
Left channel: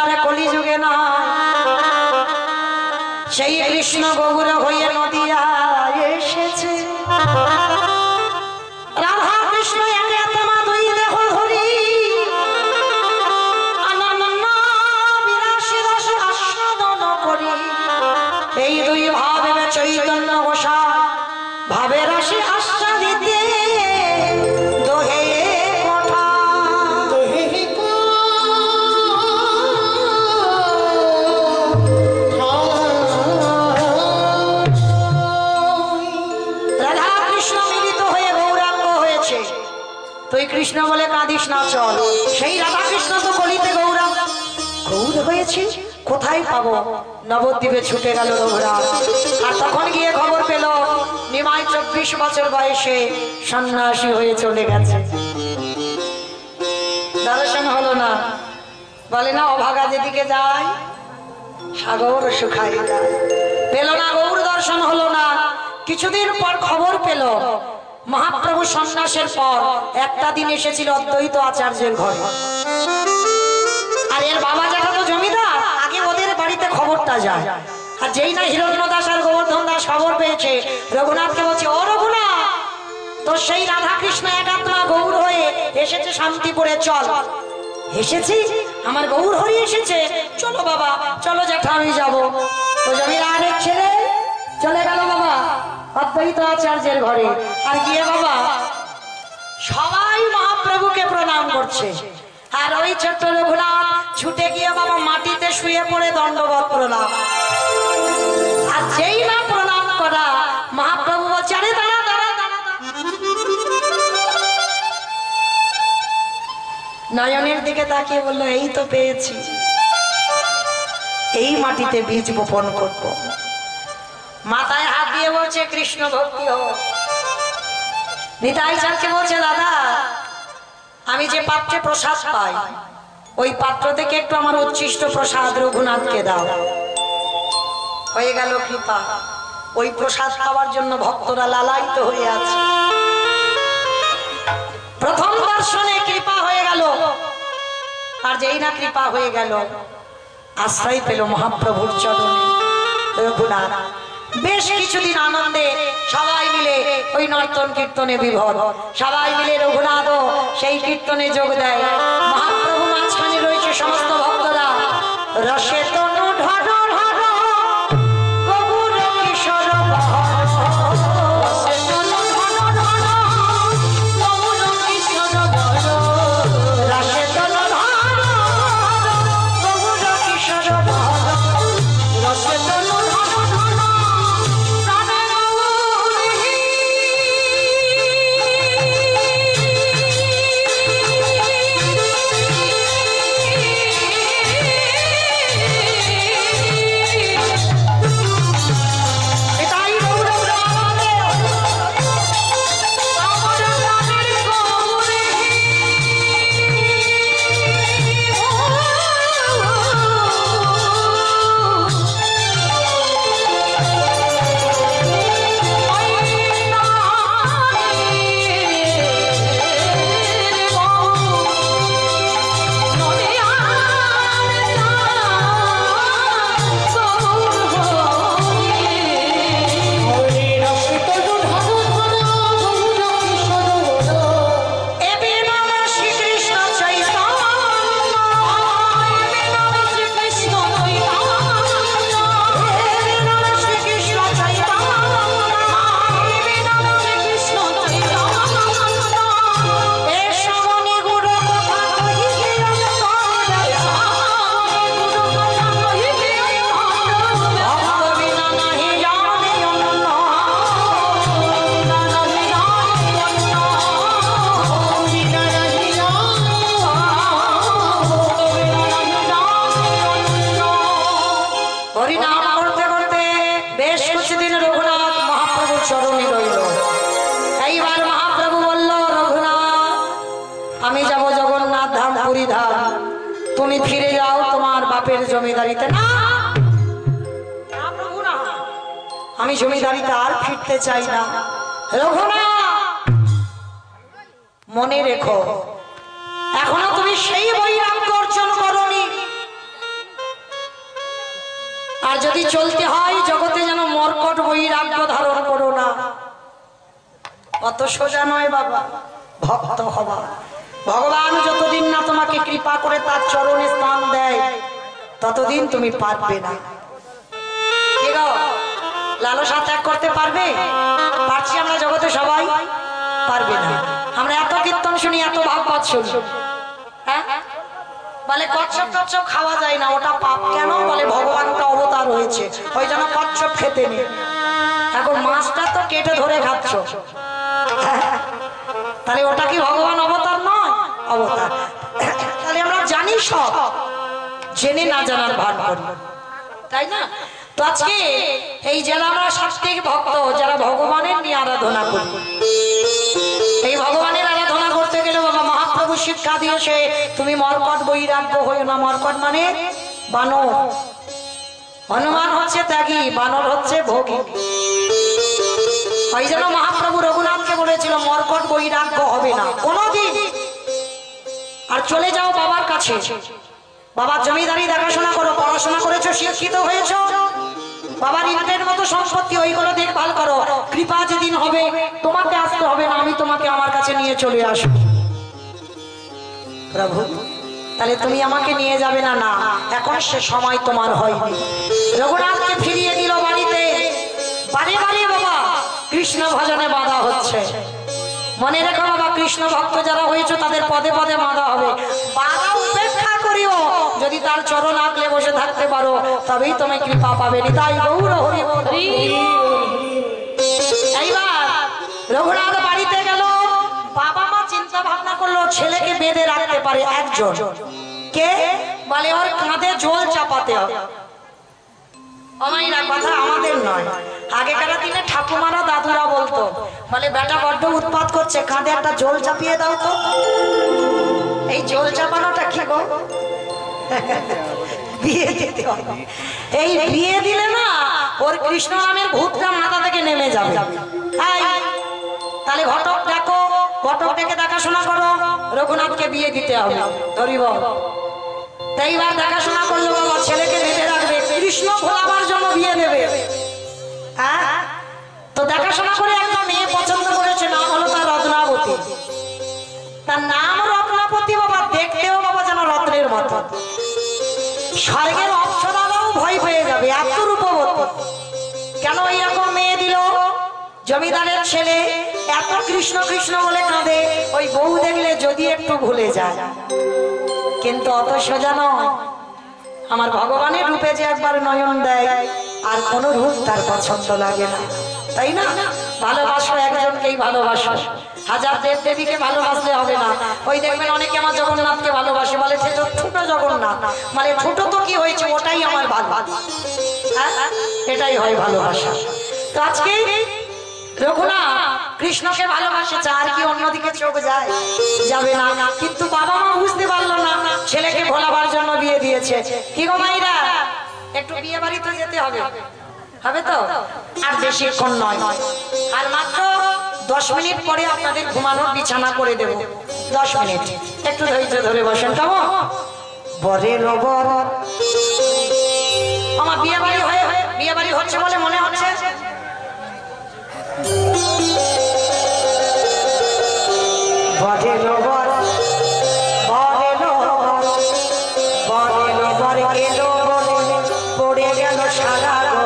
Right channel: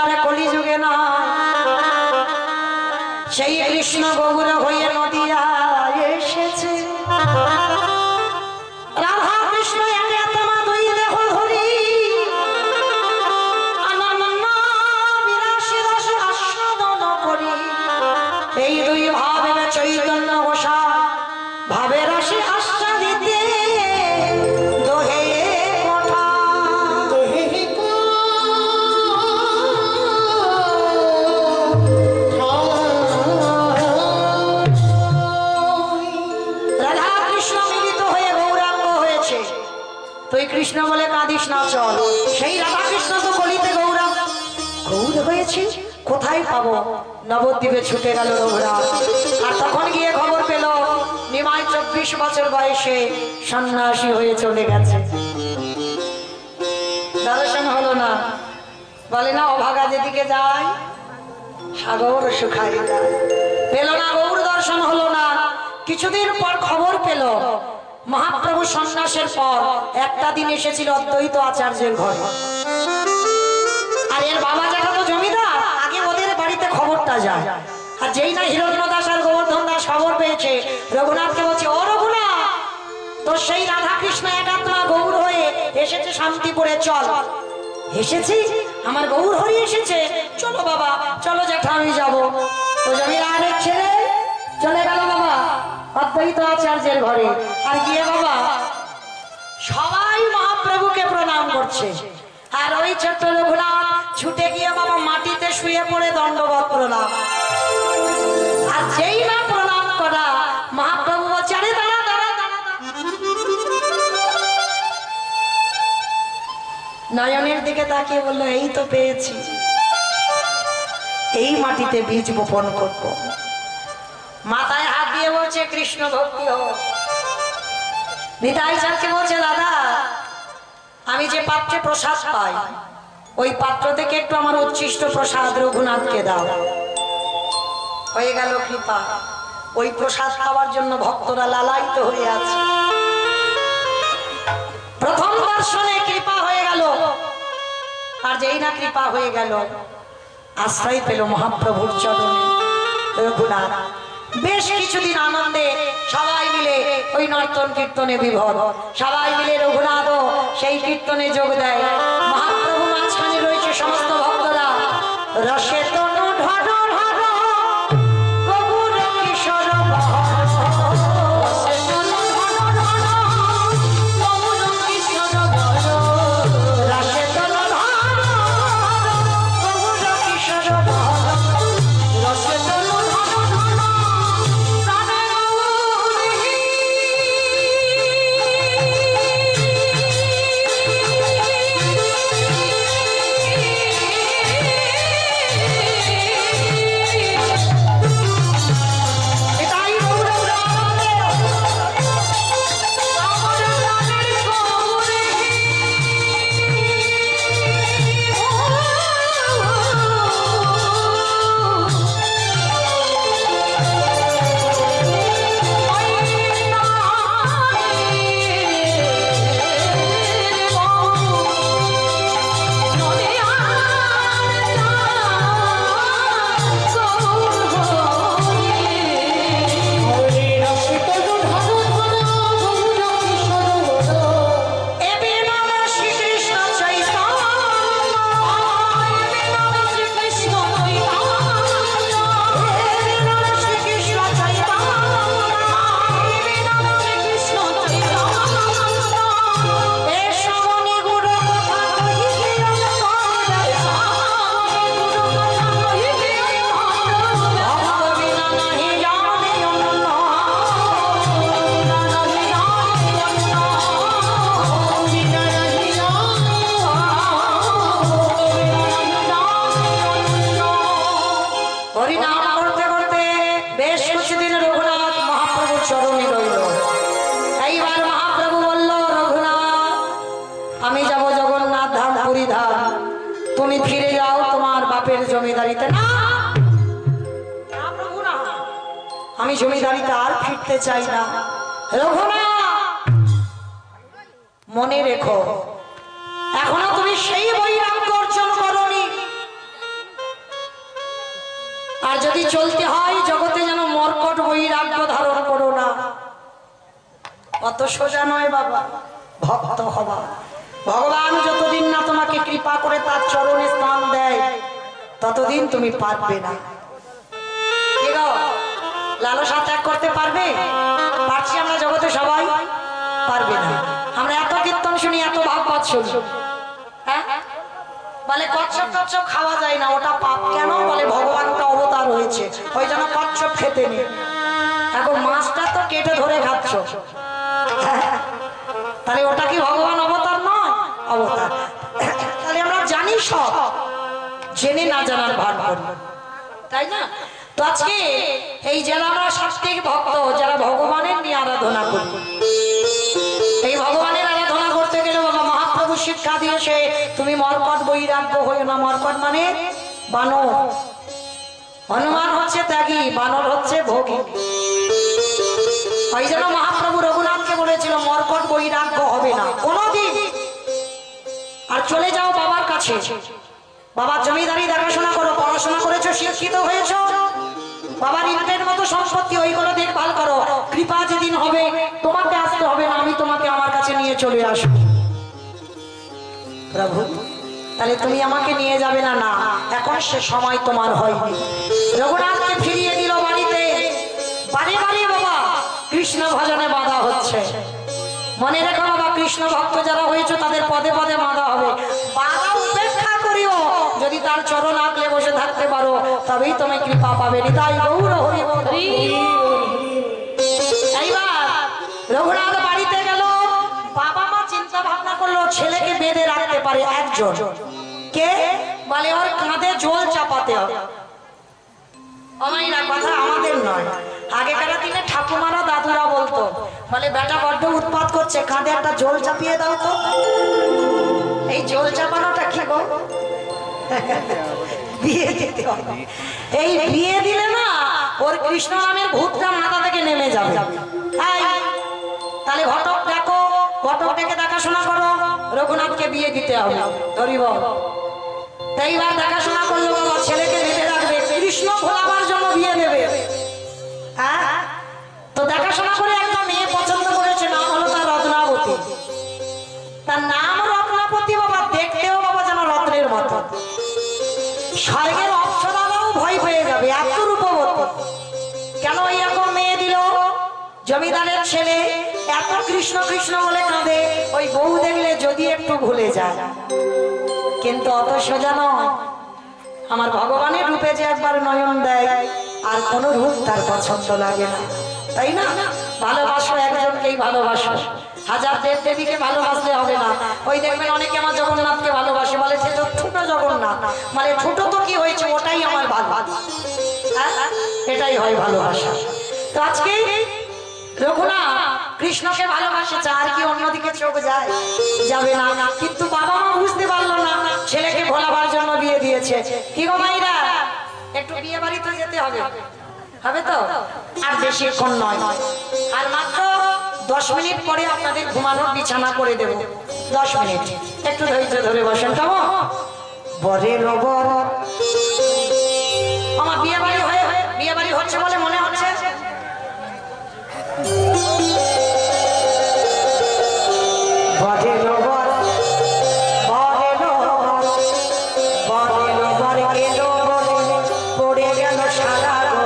আর কলিযুগে না, সেই কৃষ্ণ গৌর হয়ে নদিয়া এসেছে। রাধা কৃষ্ণ একে আত্মা দুই দেহ ধরি আনন্দ বিরাশি রস আস্বাদন করি। এই দুই ভাবে চৈতন্য গোসাই ভাবে রসে আস্বাদিতে দোহে কোঠা। রাধা কৃষ্ণ মিলিত হয়ে গৌরাঙ্গ হয়েছে। তুই কৃষ্ণ বলে কাঁদিস না, চল। সেই রাধা কৃষ্ণ তো কলিতে গৌরাঙ্গ গৌর হয়েছে, কোথায় পাবো? নবদ্বীপে ছুটে গেল রঘুরাজ। আর তখন গিয়ে খবর পেল নিমাই 24 বছর বয়সে সন্ন্যাসী হয়ে চলে গেছে। দর্শন হলো না, বলে না অভাগা যেদিকে যায় সাগর শুকায় যায়। পেল না, গৌর দর্শন হলো না। কিছুদিন পর খবর পেল মহাপ্রভু সন্ন্যাসের পর একটা দিন এসেছিল অদ্বৈত আচার্যের ঘরে। আর এর বাবা যেটা তো জমিদার, আগে ওদের বাড়িতে খবরটা যায়। আর যেই না হিরণ্য দাস আর গোবর্ধন দাস খবর পেয়েছে, রঘুনাথকে বলছে, ও রঘুনাথ, তো সেই রাধা কৃষ্ণ একাত্মা গৌর হয়ে এসেছে শান্তিপুরে, চল। এসেছি, আমার গৌর হরি এসেছে, চলো বাবা, চলো জ্যাঠা আমি যাবো। তো জমিদারের ছেলে চলে গেল বাবা অদ্বৈত আচার্যের ঘরে। আর গিয়ে বাবা সবাই মহাপ্রভুকে প্রণাম করছে। আর ওই ছোট্ট রঘুনাথ ছুটে গিয়ে বাবা মাটিতে শুয়ে পড়ে দণ্ডবত প্রণাম। আর যেই না প্রণাম করা, মহাপ্রভু বলছে, আরে দাঁড়া দাঁড়া দাঁড়া। নয়নের দিকে তাকিয়ে বললো, এই তো পেয়েছি, এই মাটিতে বীজ বপন করব। মাথায় হাত দিয়ে বলছে, কৃষ্ণ ভক্তি হোক। নিতাই চাঁদকে বলছে, দাদা আমি যে পাত্রে প্রসাদ পাই, ওই পাত্র থেকে একটু আমার উচ্ছিষ্ট প্রসাদ রঘুনাথকে দাও। হয়ে গেল কৃপা। ওই প্রসাদ খাওয়ার জন্য ভক্তরা লালায়িত হয়ে আছে। প্রথম দর্শনে কৃপা হয়ে গেল। আর যেই না কৃপা হয়ে গেল, আশ্রয় পেল মহাপ্রভুর চরণে রঘুনাথ। বেশ কিছুদিন আনন্দে সবাই মিলে ওই নর্তন কীর্তনে বিভোর। সবাই মিলে রঘুনাথ সেই কীর্তনে যোগ দেয়। মহাপ্রভু মাঝখানে রয়েছে, সমস্ত ভক্তরা রসে তনু ঢর ঢর গৌর কিশোর তুমি ফিরে যাও তোমার বাপের জমিদারিতে। না প্রভু না, আমি জমিদারিতে আর ফিরতে চাই না। রঘুনাথ মনে রেখো, এখনো তুমি সেই বৈরাগ্য অর্জন করনি যদি চলতে হয় জগতে যেন মর্কট বৈরাগ্য ধারণ করো না। অত সোজা নয় বাবা, ভক্ত হবা। ভগবান যতদিন না তোমাকে কৃপা করে তার চরণে স্থান দেয় ততদিন তুমি পারবে না। লালসা ত্যাগ করতে পারবে? পারছি আমরা জগতে সবাই? পারবে না। আমরা এত কীর্তন শুনি, এত ভাগবত শুনি, হ্যাঁ বলে কচ্ছপ টচ্ছপ খাওয়া যায় না, ওটা পাপ। কেন? বলে ভগবানটা অবতার হয়েছে, ওই জন্য কচ্ছপ খেতে নেই। এখন মাছটা তো কেটে ধরে খাচ্ছ, তাহলে ওটা কি ভগবান অবতার নয়? অবতার। তাহলে আমরা জানি, সব জেনে না জানার ভান করি, তাই না? তো আজকে এই যারা আমরা সাত্বিক ভক্ত, যারা ভগবানের নিয়ে আরাধনা করি, এই ভগবানের আরাধনা করতে গেলে বাবা মহাপ্রভু শিক্ষা দিয়েছে, তুমি মর্কট বৈরাগ্য হইও না। মর্কট মানে বানর। হনুমান হচ্ছে ত্যাগী, বানর হচ্ছে ভোগী। ওই জন্য মহাপ্রভু রঘুনাথকে বলেছিল মর্কট বৈরাগ্য হবে না কোনদিন। আর চলে যাও বাবার কাছে, বাবার জমিদারি দেখাশোনা করো, পড়াশোনা করেছো, শিক্ষিত হয়েছো, বাবার ইন্টের মতো সম্পত্তি ওইগুলো দেখভাল করো। কৃপা যেদিন হবে তোমাকে আসতে হবে না, আমি তোমাকে আমার কাছে নিয়ে চলে আসবো। প্রভু তাহলে তুমি আমাকে নিয়ে যাবে না? না, এখন সে সময় তোমার হয়নি। রঘুনাথকে ফিরিয়ে দিল বাড়িতে। বারে বারে বাবা কৃষ্ণ ভজনে বাধা হচ্ছে। মনে রেখো বাবা, কৃষ্ণ ভক্ত যারা হয়েছে তাদের পদে পদে বাধা হবে। বাধা উপেক্ষা করিও, যদি তার চরণ আগলে বসে থাকতে পারো তবেই তুমি কৃপা পাবে। তাই গৌর হরি বল। এইবার রঘুনাথ বাড়িতে গেল, বাবা মা চিন্তা ভাবনা করলো ছেলেকে বেঁধে রাখতে পারে একজন। কে? বলে ওর কাঁধে জল চাপাতে হবে। অমাইরা কথা আমাদের নয়, আগেকার দিনে ঠাকুমারা দাদুরা বলতো, বলে বেটা বড্ড উৎপাত করছে, কাঁধে একটা জল চাপিয়ে দাও তো। এই জল চাপানোটা কি গো? বিয়ে দিতে হবে। এই বিয়ে দিলে না ওর কৃষ্ণ নামের ভূতটা মাথা থেকে নেমে যাবে। তাহলে ঘটক ডাকো, ঘটক ডেকে দেখাশোনা করো, রঘুনাথকে বিয়ে দিতে হবে। ধরিব এইবার দেখাশোনা করলো বাবা, ছেলেকে বেঁধে রাখবে, কৃষ্ণ ভোলাবার জন্য বিয়ে দেবে। হ্যাঁ, তো দেখাশোনা করে একটা মেয়ে পছন্দ করেছে, নাম হলো তার রত্নাবতী। তার নাম রত্নাবতী বাবা, দেখতেও বাবা যেন রত্নের মতো। স্বর্গের অপ্সরারাও ভয় পেয়ে যাবে, এত রূপবতী। কেন এইরকম মেয়ে দিল? জমিদারের ছেলে এত কৃষ্ণ কৃষ্ণ বলে কাঁদে, ওই বউ দেখলে যদি একটু ভুলে যায়। কিন্তু অত সোজা নয়। আমার ভগবানের রূপে যে একবার নয়ন দেয়, আর কোন রূপ তার পছন্দ লাগে না, তাই না? ভালোবাসো একজনকেই ভালোবাসো, হাজার দেব দেবীকে ভালোবাসলে হবে না। ওই দেখবেন অনেকে আমার জগন্নাথকে ভালোবাসে, বলে সে তো ছোট জগন্নাথ, মানে ছোট তো কি হয়েছে, ওটাই আমার ভালো। এটাই হয় ভালোবাসা। তো আজকে রঘুনাথ কৃষ্ণকে ভালোবাসে, আর কি অন্যদিকে চোখ যায়? যাবে না। কিন্তু বাবা মা বুঝতে পারলো না, ছেলেকে ভোলাবার জন্য বিয়ে দিয়েছে। কি গো মাইরা, একটু বিয়ে বাড়িতে যেতে হবে, হবে তো? আর বেশিক্ষণ নয়, আর মাত্র 10 মিনিট পরে আপনাদের ঘুমানোর বিছানা করে দেব। 10 মিনিট, একটু ধৈর্য ধরে বসেন। কেমন বরে নবর আমার বিয়ে বাড়ি হয়ে বিয়ে বাড়ি হচ্ছে বলে মনে হচ্ছে। বরে নবর বরে নবর বরে নবর এলো বলে পড়ে গেল সারা গো।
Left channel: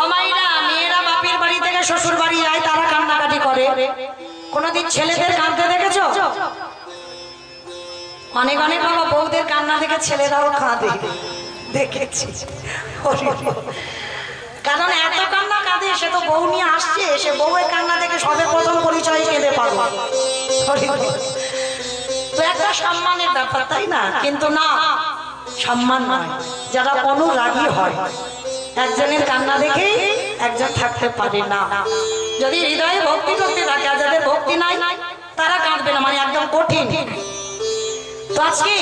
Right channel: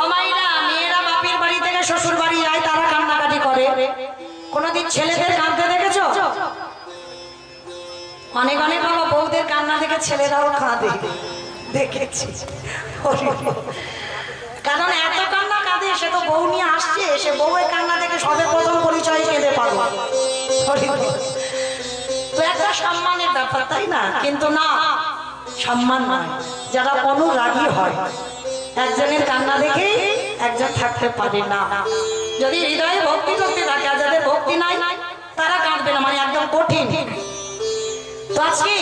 ও মাইরা, মেয়েরা বাপের বাড়ি থেকে শ্বশুর বাড়ি যায়, তারা কান্নাকাটি করে। কোনদিন ছেলেদের কাঁদতে দেখেছো? অনেক অনেক বাবা বউদের কান্না দেখে ছেলেরাও কাঁদে, দেখেছি। কারণ এত কান্না কাঁদে, সে তো বউ নিয়ে আসছে, সে বউয়ের কান্না দেখে সবে প্রথম পরিচয় কেঁদে পারবো। তো একটা সম্মানের ব্যাপার, তাই না? কিন্তু না, সম্মান নয়। যারা অনুরাগী হয়, একজনের কান্না দেখে একজন থাকতে পারে না। যদি হৃদয়ে ভক্তি করতে থাকে, আর যাদের ভক্তি নাই তারা কাঁদবে না, মানে একদম কঠিন। তো আজকে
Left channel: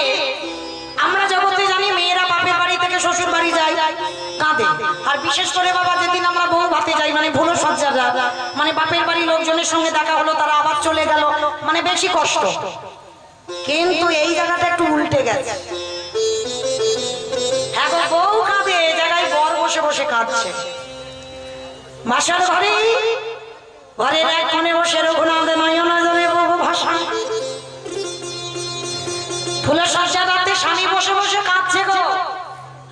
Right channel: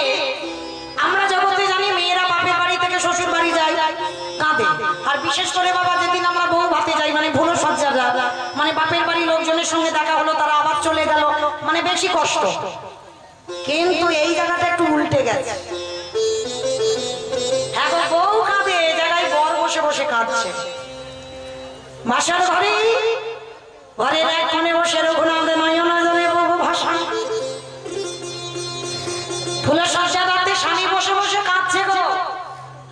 আমরা জগতে জানি মেয়েরা বাপের বাড়ি থেকে শ্বশুর বাড়ি যায়, কাঁদে। আর বিশেষ করে বাবা, যেদিন আমরা বউ ভাতে যাই, মানে ভুলো সজ্জারা, মানে বাপের বাড়ি লোকজনের সঙ্গে দেখা হলো, তারা আবার চলে গেল, মানে বেশি কষ্ট। কিন্তু এই জায়গাটা একটু উল্টে গেছে। এখন বউ কাঁদে, এই জায়গায় বর বসে বসে কাঁদছে। বাসার ঘরে, ঘরের এক কোণে বসে রঘুনাথ নয়ন জলে বহু ভাষা, ফুলের সজ্জাতে স্বামী বসে বসে কাঁদছে গো।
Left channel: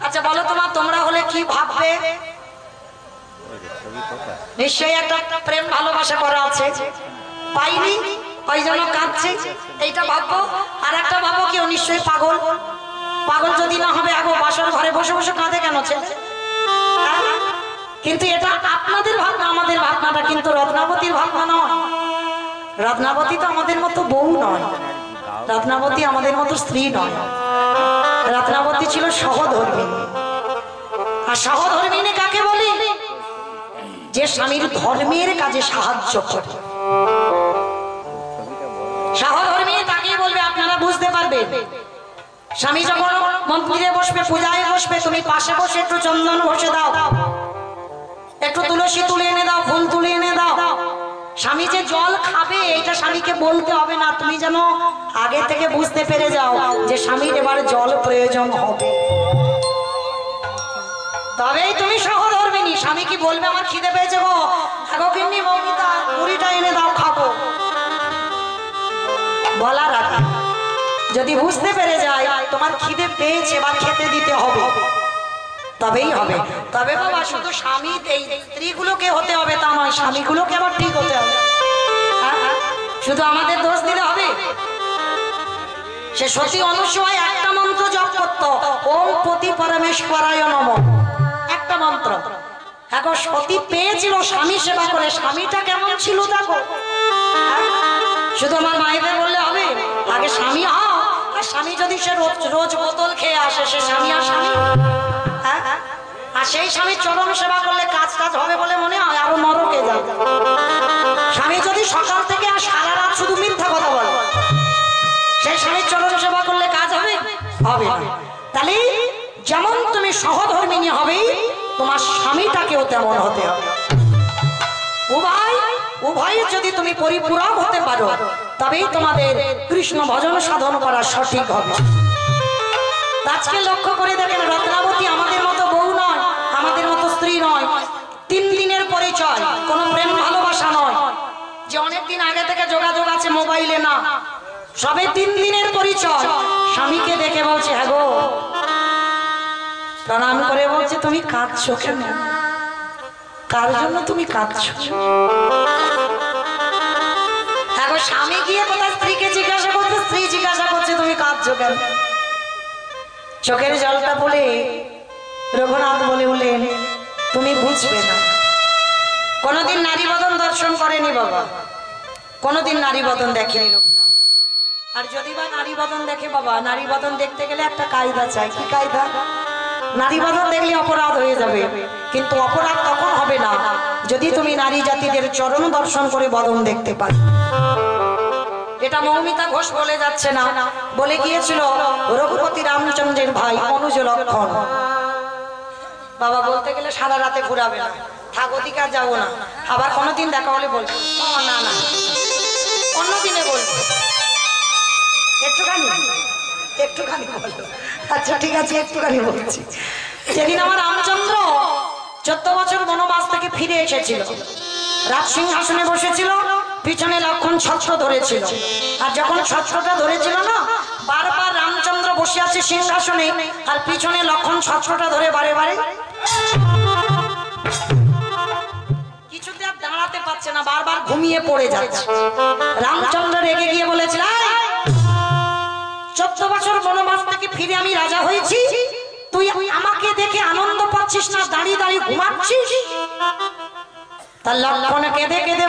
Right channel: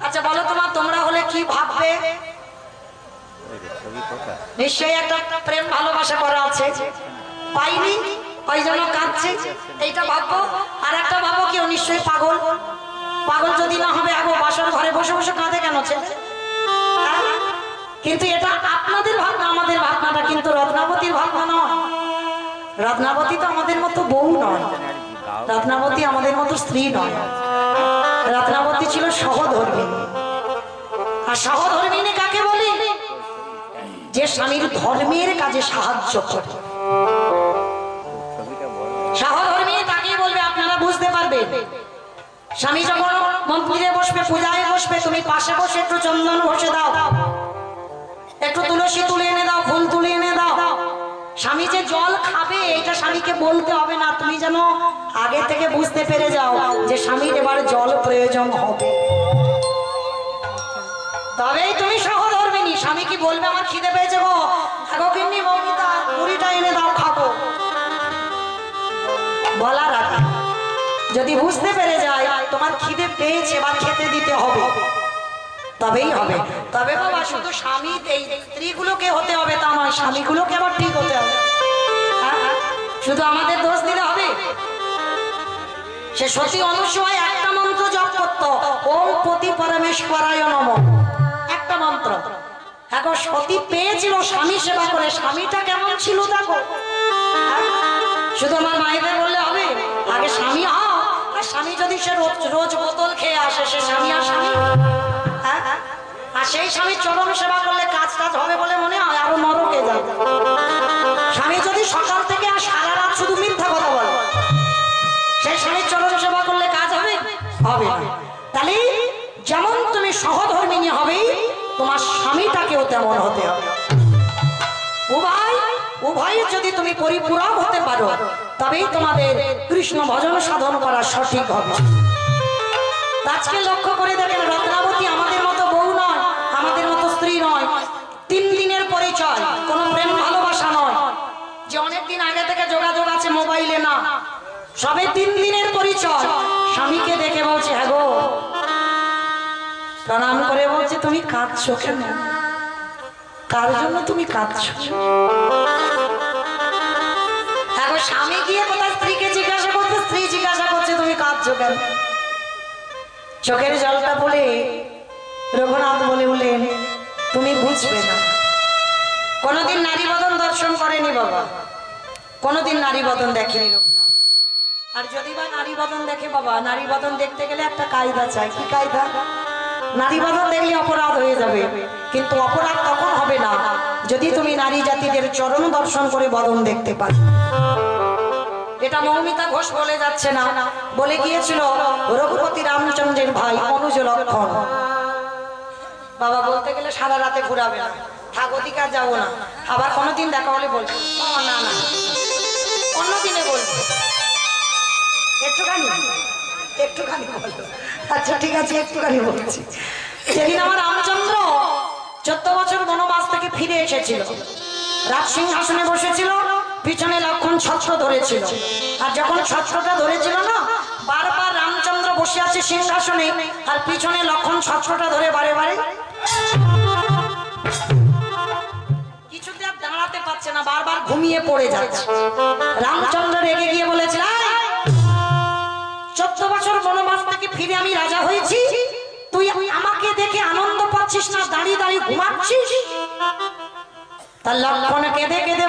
আচ্ছা বলো তোমার, তোমরা হলে কি ভাববে? নিশ্চয়ই একটা প্রেম ভালোবাসা করা আছে, পাইনি ওই জন্য কাঁদছে, এইটা ভাববো। আর একটা ভাবো কেউ নিশ্চয়ই পাগল। পাগল যদি না হবে, আগো বাসার ঘরে বসে বসে কাঁদে কেন ছেলে? কিন্তু এটা আপনাদের ভাবনা, আমাদের ভাবনাটা কিন্তু রত্নাবতীর ভাবনা নয়। রত্নাবতী তো আমাদের মতো বউ নয়, রত্নাবতী আমাদের মতো স্ত্রী নয়। রত্নাবতী ছিল সহধর্মিণী। আর সহধর্মিণী কাকে বলি? যে স্বামীর ধর্মের কাজে সাহায্য করে। সহধর্মিণী তাকে বলবে, আপনারা বুঝতে পারবেন। স্বামী যখন মন্দিরে বসবে, পূজায় বসবে, তুমি পাশে বসে একটু চন্দন ঘষে দাও, একটু তুলসী তুলে এনে দাও, ফুল তুলে এনে দাও। স্বামী যে জল খাবে, এটা স্বামীকে বলতে হবে না, তুমি যেন আগে থেকে বুঝতে পেরে যাও যে স্বামীর এবার জল প্রয়োজন হবে, তবেই তুমি সহধর্মিণী। স্বামী কি বলবে, আমার খিদে পেয়েছে গো, আগো কিন্নি মৌমিতা মুড়িটা এনে দাও, খাবো, বলার আগে যদি বুঝতে পেরে যায় তোমার খিদে পেয়েছে বা খেতে দিতে হবে, তবেই হবে। তবে বাবা, শুধু স্বামী এই স্ত্রীগুলোকে হতে হবে তা নয়, স্বামীগুলোকে আবার ঠিক হতে হবে। শুধু আমাদের দোষ দিলে হবে? সে সতী অনুসূয়া একটা মন্ত্র জপ করত, ওম পতি পরমেশ্বরায় নমঃ, একটা মন্ত্র। এখন সতী পেয়েছিল স্বামী সেবা করে, স্বামীটা কেমন ছিল দেখো। শুধু আমার মায়েদের বললে হবে? আগে স্বামী হও। আর স্বামী যদি সে রোজ বোতল খেয়ে আসে, সে স্বামী আর স্বামী? আর সেই স্বামী চরম সেবা করলে কাজ টাজ হবে বলে মনে হয়? আরো নরকে যাবে। স্বামী যদি সকাল থেকে আর সারা রাত শুধু মিথ্যা কথা বলে, সেই স্বামীর চরম সেবা করলে কাজ হবে? হবে না। তাহলে যেমন তুমি সহধর্মিণী হবে, তোমার স্বামীটাকেও তেমন হতে হবে। উভয় যদি তুমি পরিপূরক হতে পারো, তবেই তোমাদের কৃষ্ণ ভজন সাধন করা সঠিক হবে। আজকে লক্ষ্য করে দেখেন, রত্নাবতী আমাদের মতো বউ নয়, আমাদের মতো স্ত্রী নয়। 3 দিনের পরিচয়, কোনো প্রেম ভালোবাসা নয় যে অনেকদিন আগে থেকে যোগাযোগ আছে মোবাইলে, না, সবে 3 দিনের পরিচয়। স্বামীকে দেখে বলছে, হ্যাঁ গো, প্রণাম করে বলছে, তুমি কাঁদছো কেন? কার জন্য তুমি কাঁদছো? এখন স্বামী গিয়ে কোথায় স্ত্রীকে জিজ্ঞাসা করছে, স্ত্রী জিজ্ঞাসা করছে, তুমি কাঁদছো কেন? চোখের জলটা বলে রঘুনাথ বলে উঠলেন, তুমি বুঝবে না। কোনদিন নারী বদন দর্শন করেনি বাবা, কোনদিন নারী বদন দেখেনি রঘুনাথ। আর যদি বা নারী বদন দেখে বাবা, নারী বদন দেখতে গেলে একটা কায়দা চাই। কি কায়দা? নারী বদন দেখলে অপরাধ হয়ে যাবে, কিন্তু অপরাধ তখন হবে না যদি তুমি নারী জাতিদের চরণ দর্শন করে বদন দেখতে পারো। এটা মৌমিতা ঘোষ বলে যাচ্ছে না, বলে গিয়েছিল রঘুপতি রামচন্দ্রের ভাই অনুজ লক্ষণ। বাবা বলতে গেলে সারা রাতে ঘুরাবে না, থাক ওদিকে আর যাবো না। আবার কোনোদিন দেখা হলে বলবো, না না অন্যদিনে বলবো, একটুখানি বলো। আচ্ছা ঠিক আছে, একটুখানি বলছি। যেদিন আমার রামচন্দ্র 14 বছর বনবাস থেকে ফিরে এসেছিল, রাজ সিংহাসনে বসেছিল, পিছনে লক্ষণ ছত্র ধরেছিল। আর যখন ছত্রটা ধরেছিল না, বারবার রামচন্দ্র বসে আছে সিংহাসনে, আর পিছনে লক্ষণ ছত্রটা ধরে বারে বারে ঘুমিয়ে পড়ে যাচ্ছে। রামচন্দ্র রেগে গিয়ে বলেছিল, 14 বছর বনবাস থেকে ফিরে আমি রাজা হয়েছি, তুই আমাকে দেখে আনন্দ পাচ্ছিস না, দাঁড়িয়ে দাঁড়িয়ে ঘুমাচ্ছিস? তার লক্ষণ কেঁদে কেঁদে